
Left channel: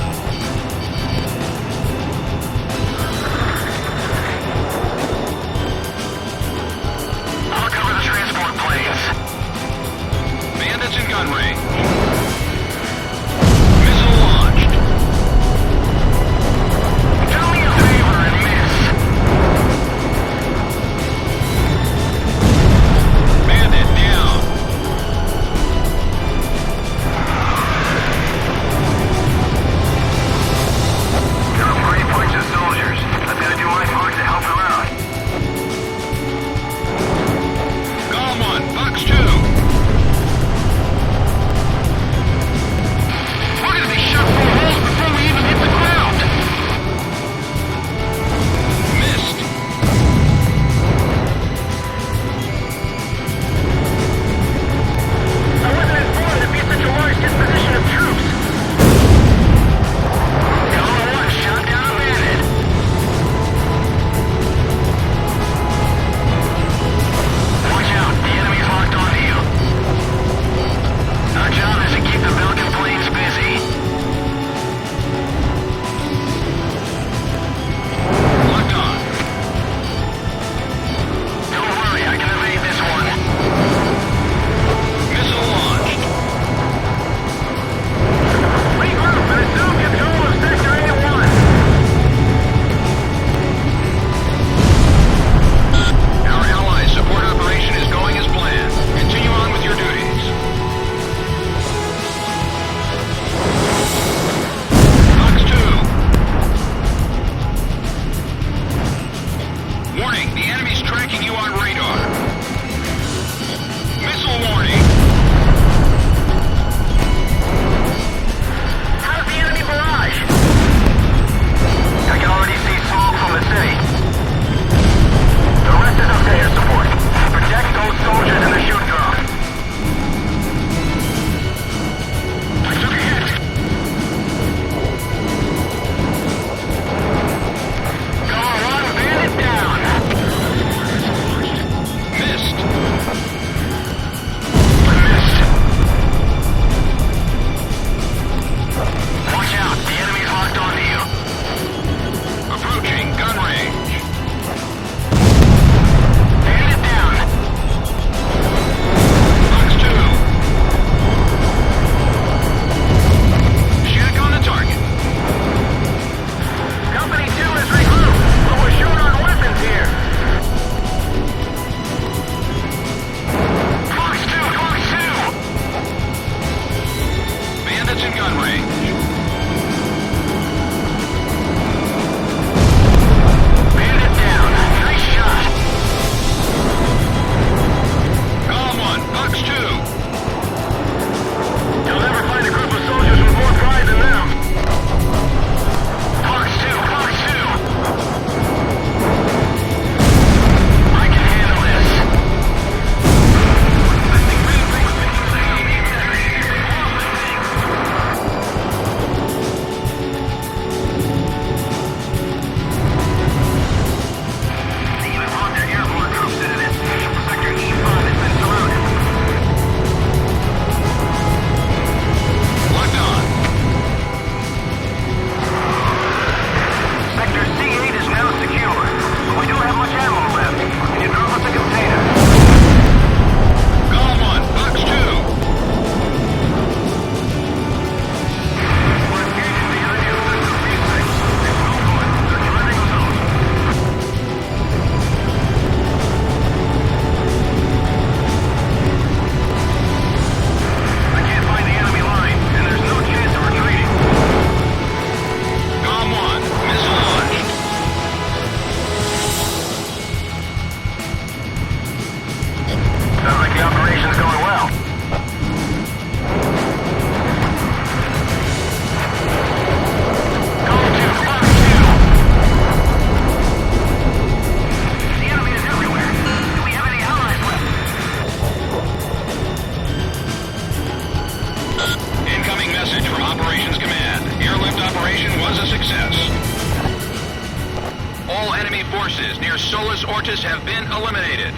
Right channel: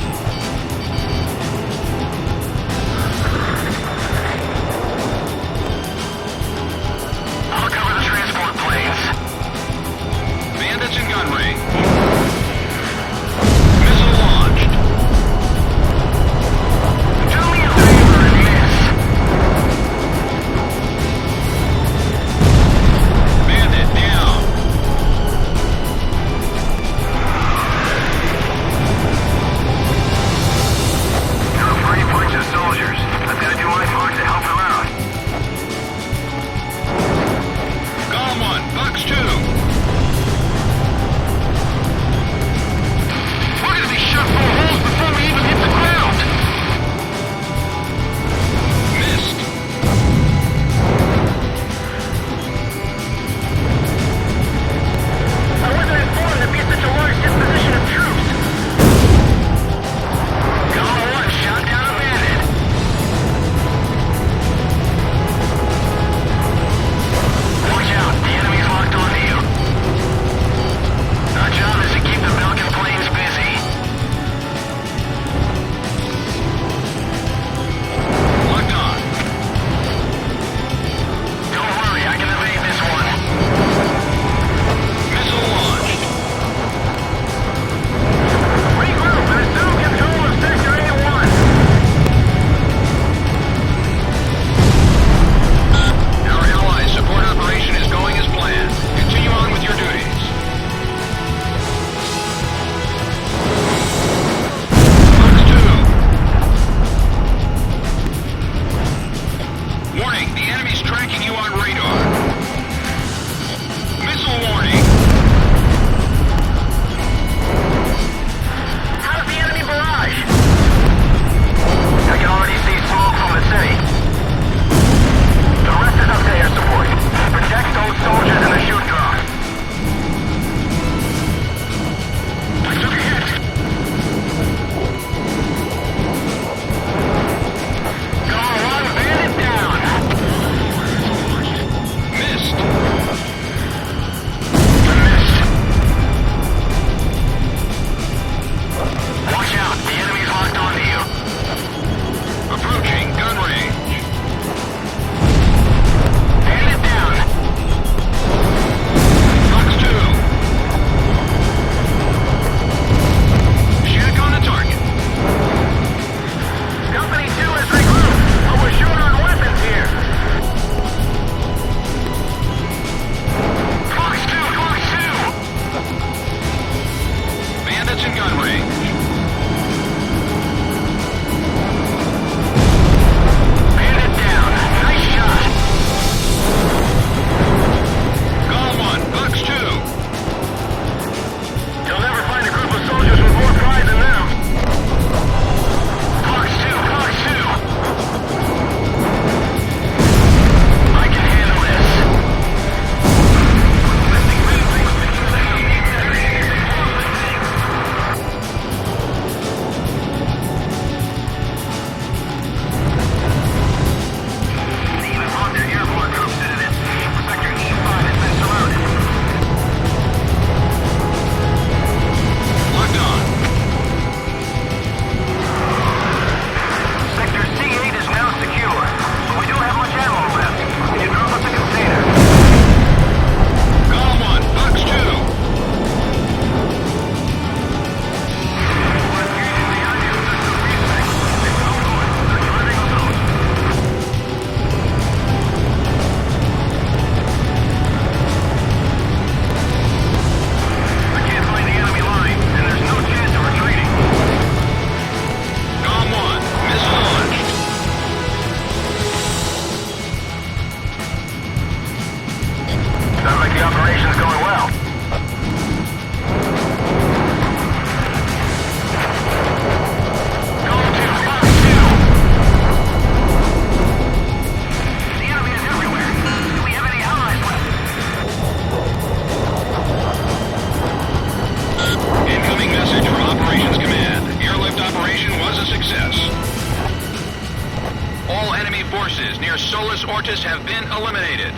All enemy forces near Solus Ortis have been eliminated.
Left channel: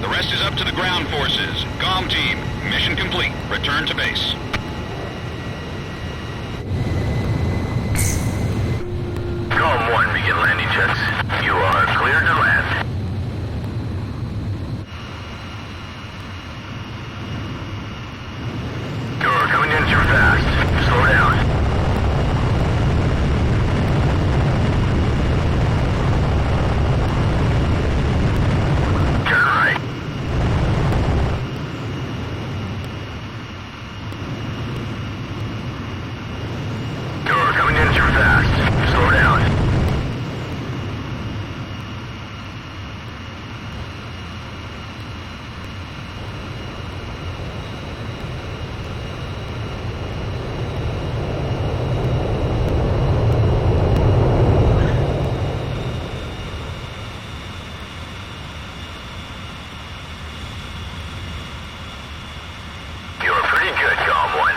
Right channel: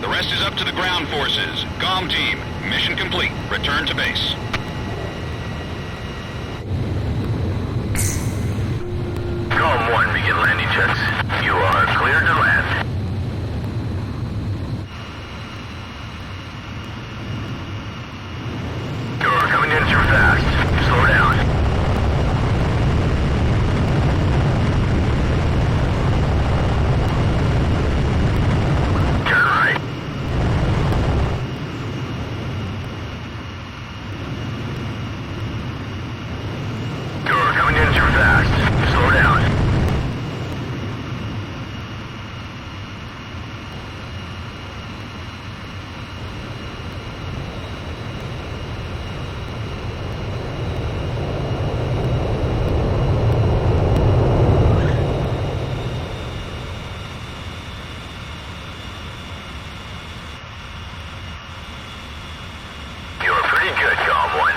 The rest is up to the ground forces. Galm team, mission complete. Return to base. Galm 1, begin landing checks. You are cleared to land. You're coming in too fast. Slow down. Turn right. You're coming in too fast. Slow down. You're pretty good, Galm 1.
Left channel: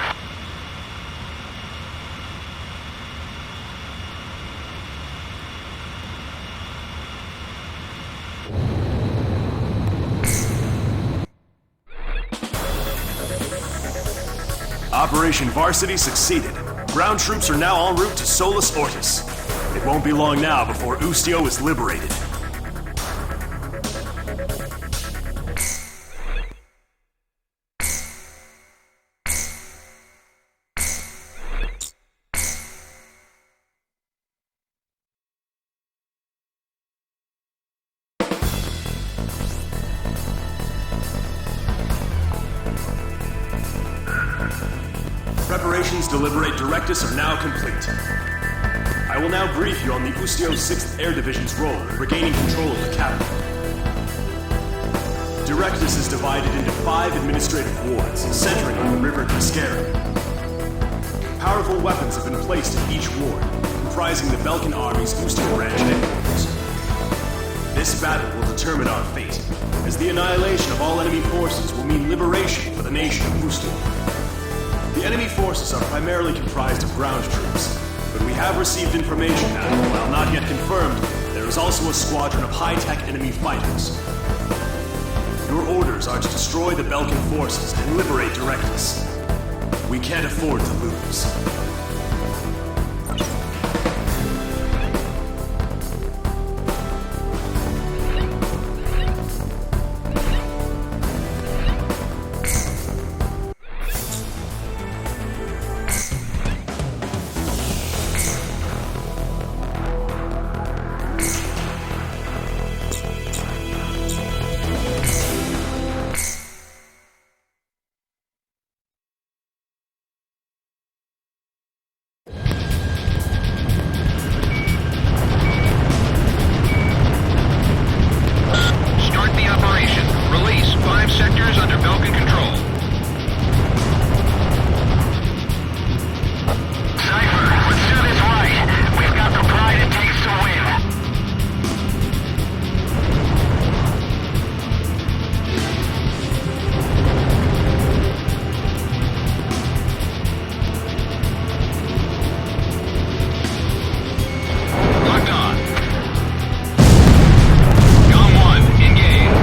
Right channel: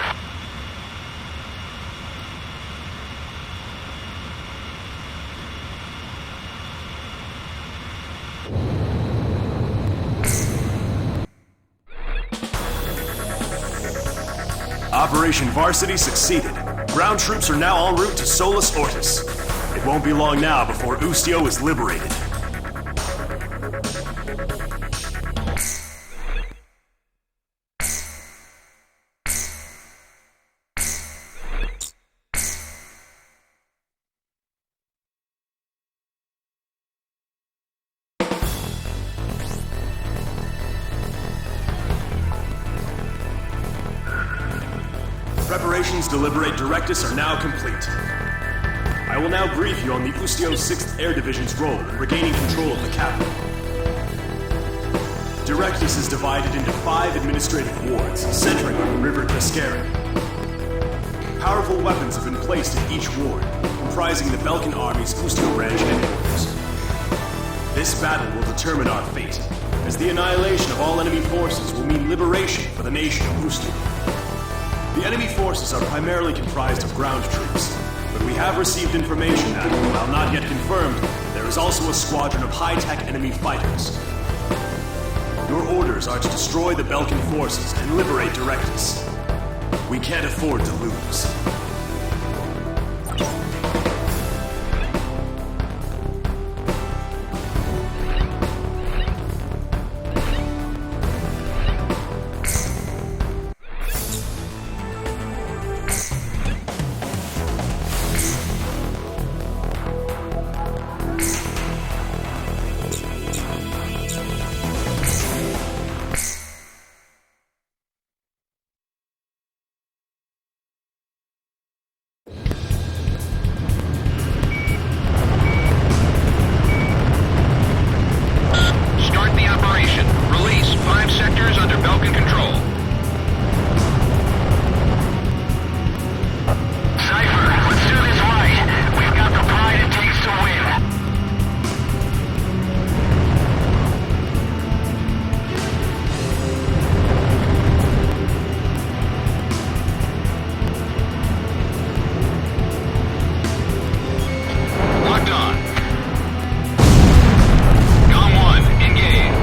Operation Varsity succeeded. Ground troops are now en route to Solus Ortis. It won't be long now before Ustio is liberated. Preparations to liberate Directus are now complete. I will now brief you on the Ustio 6th Air Division's role in regaining control of the capital. Directus is divided into 5 administrative wards, centering on the River Crescere. Powerful weapons have been placed in each ward, comprising the Belkan Army's Ustio branch headquarters. This battle will determine our fate, as the annihilation of all enemy forces will mean liberation for the nation of Ustio. The enemy forces are primarily comprised of ground troops, but we have received information that, while not yet confirmed, there is also a squadron of high-tech enemy fighters. Your orders are to destroy the Belkan forces and liberate Directus. We can't afford to lose. Start the operation. Release 5 sectors under Belkan control. Cypher, let's do this right. We've got the pride it takes to win. Locked on. Galm 1, engage.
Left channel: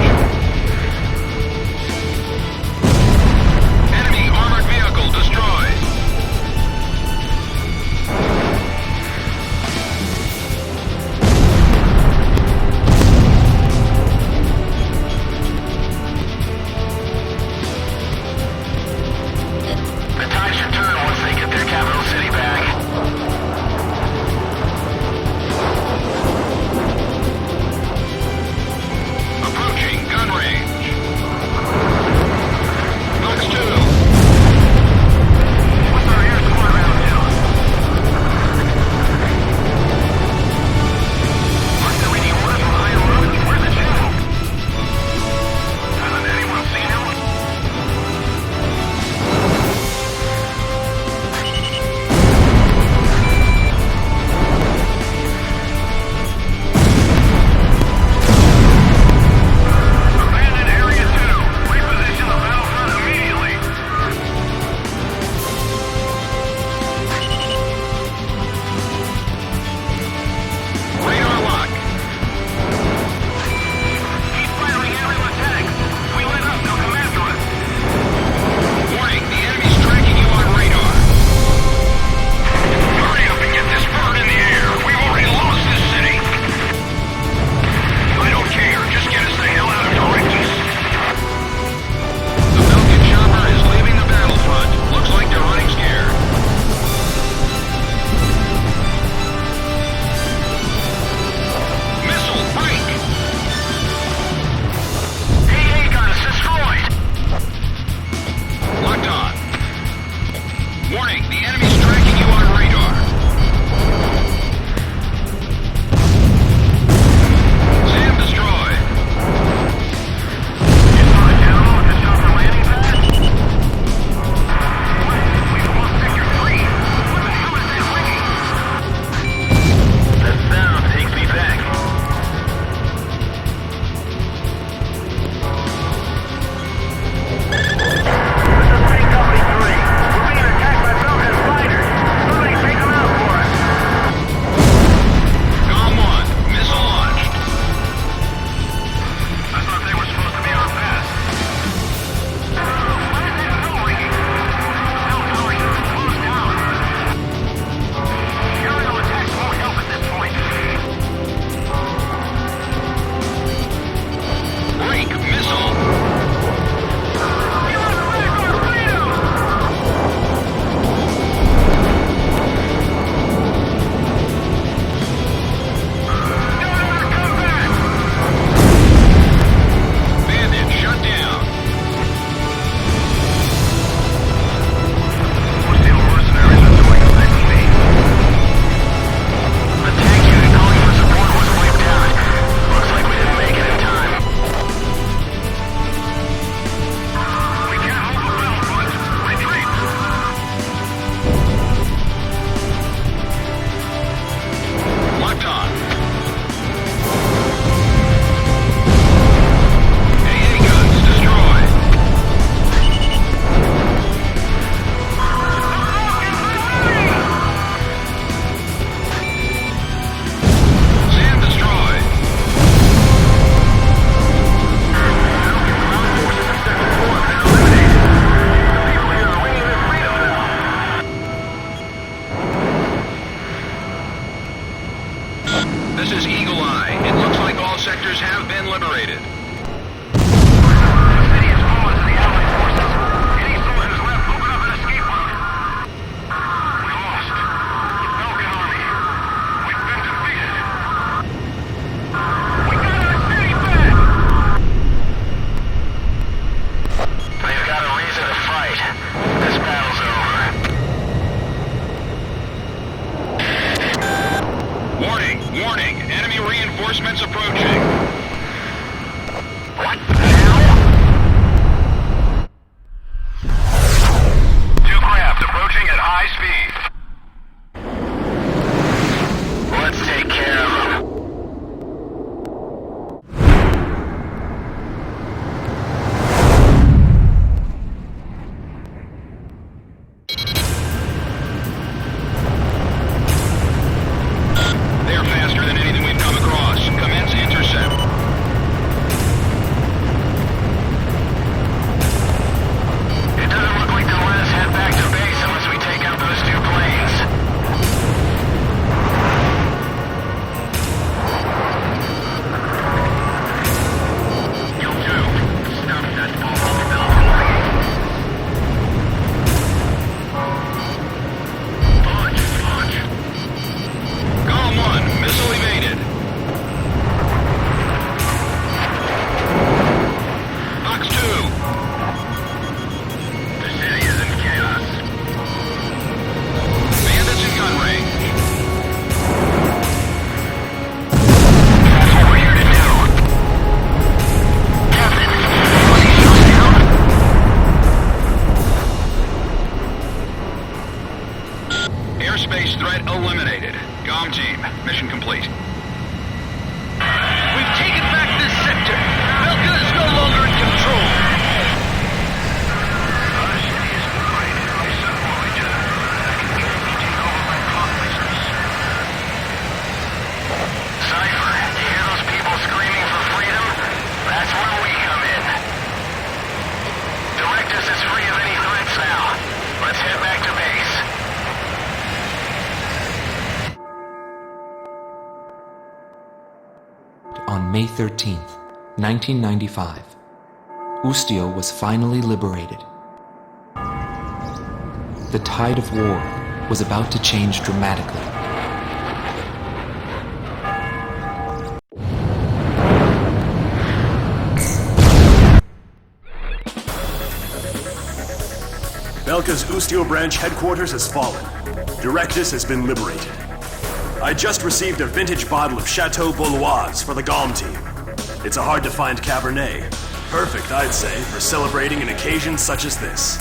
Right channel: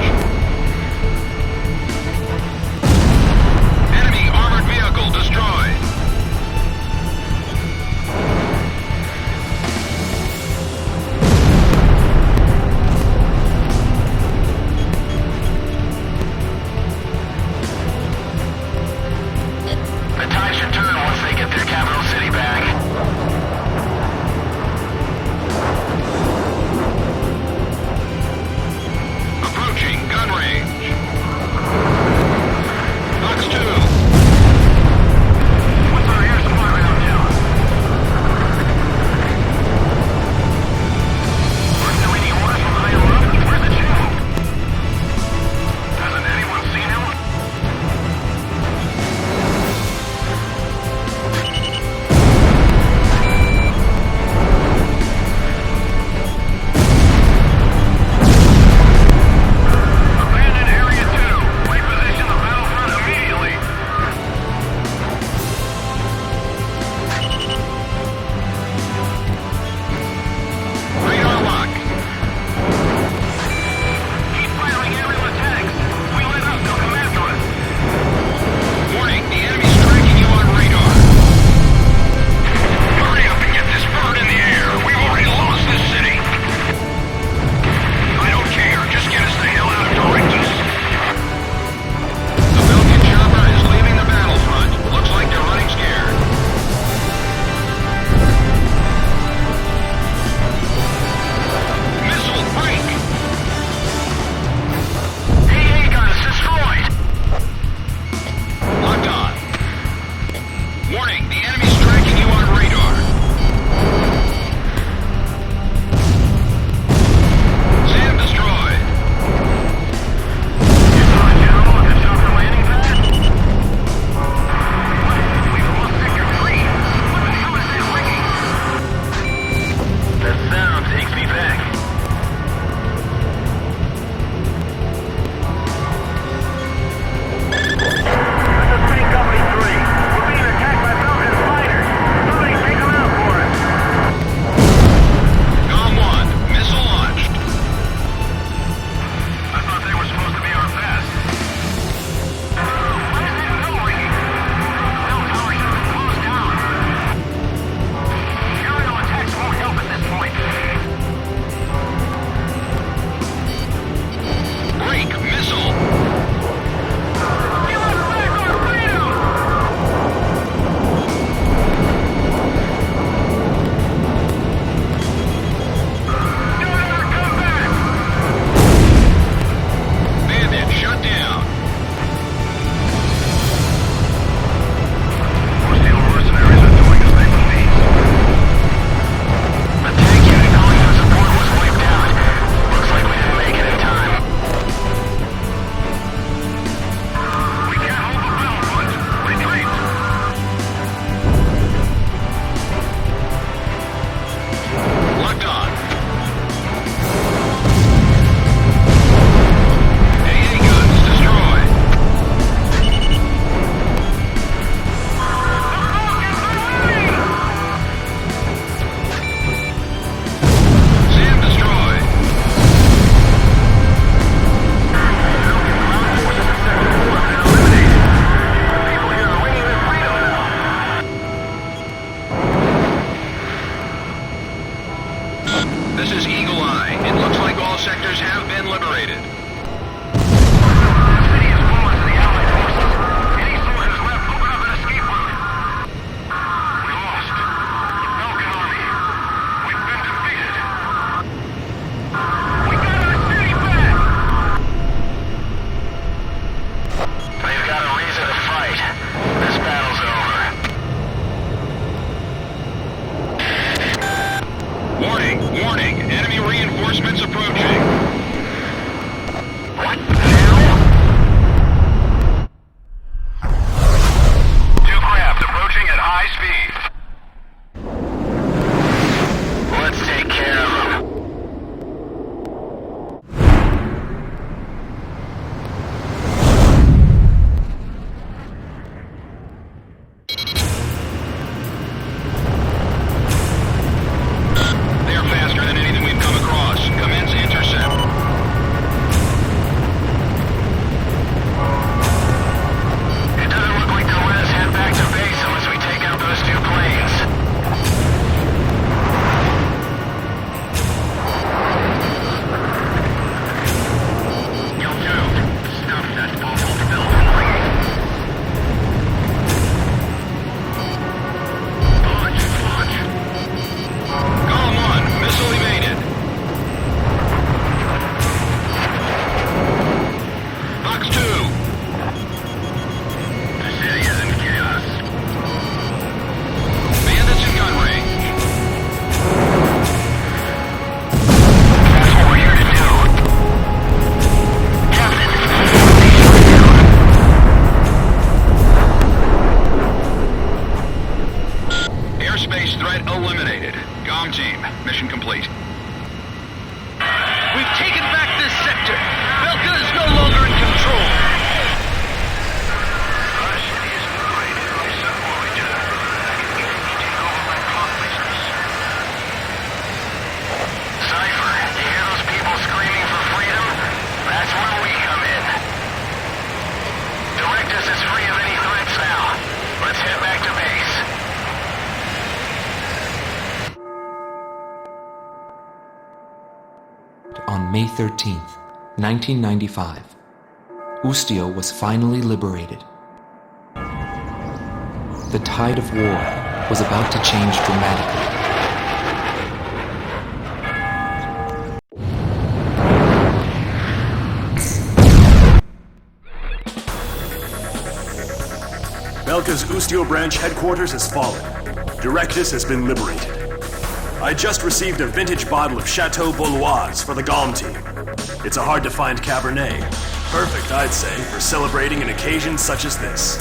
Belkan. AA guns destroyed. SAM destroyed. Ground forces in Sector 4 have been eliminated. The people here are ringing their freedom bell. This is Eagle Eye. It looks like all sectors have been liberated. The city has fallen to the Allied forces. Any soldiers left, open up an escape route. We lost. The Belkan army. We've been defeated. We got our city back! They've got a reason to fight. This battle's over. Warning, warning. Enemy reinforcements approaching. What? Now? Two crabs approaching at high speed. Let's take care of them. They're faster than anything we've come across. Commence intercept. It doesn't look like they'll let us head back to base unless we take out those two planes. You two, stop that awful bell from ringing. Launch. Galm 1, missile evaded. Fox 2. The city is in chaos. Bandits in gun range. That's what we're here to do. Captain, was he shot down? Airspace threat eliminated. Galm team, mission complete. We've taken back this sector. Belkan is no longer in control. Our city is liberated by some origin that can easily take over my conquests. Cypher, you hear those people screaming for freedom? That's where we come in. Directus is free of any threats now. Let's head back to base. On May 13th, 1995, Ustio was finally liberated. The tide of war was about to change dramatically. Belka's Ustio branch headquarters has fallen. Directus has been liberated. I just received a vintage bottle of Chateau Bauloise for the Galm team. It's a hard-to-find Cabernet. Perfect, I'd say, for celebrating an occasion such as this.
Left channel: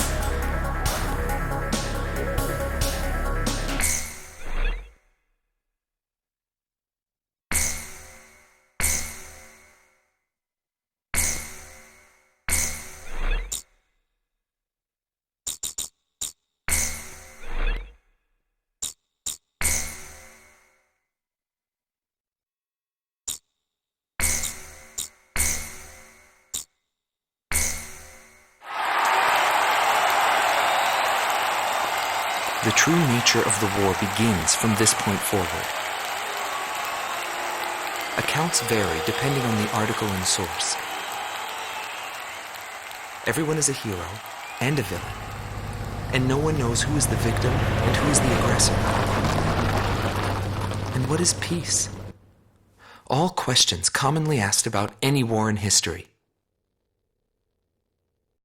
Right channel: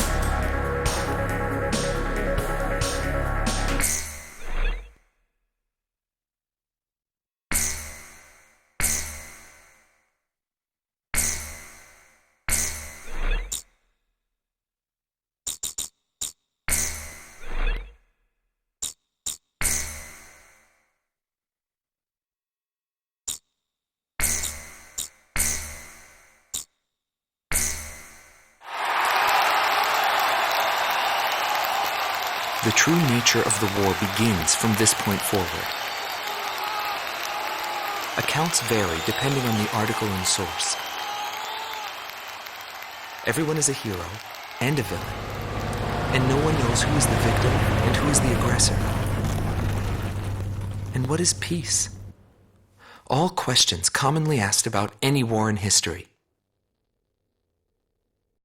The true nature of the war begins from this point forward. Accounts vary depending on the article and source. Everyone is a hero and a villain, and no one knows who is the victim and who is the aggressor. And what is peace? All questions commonly asked about any war in history.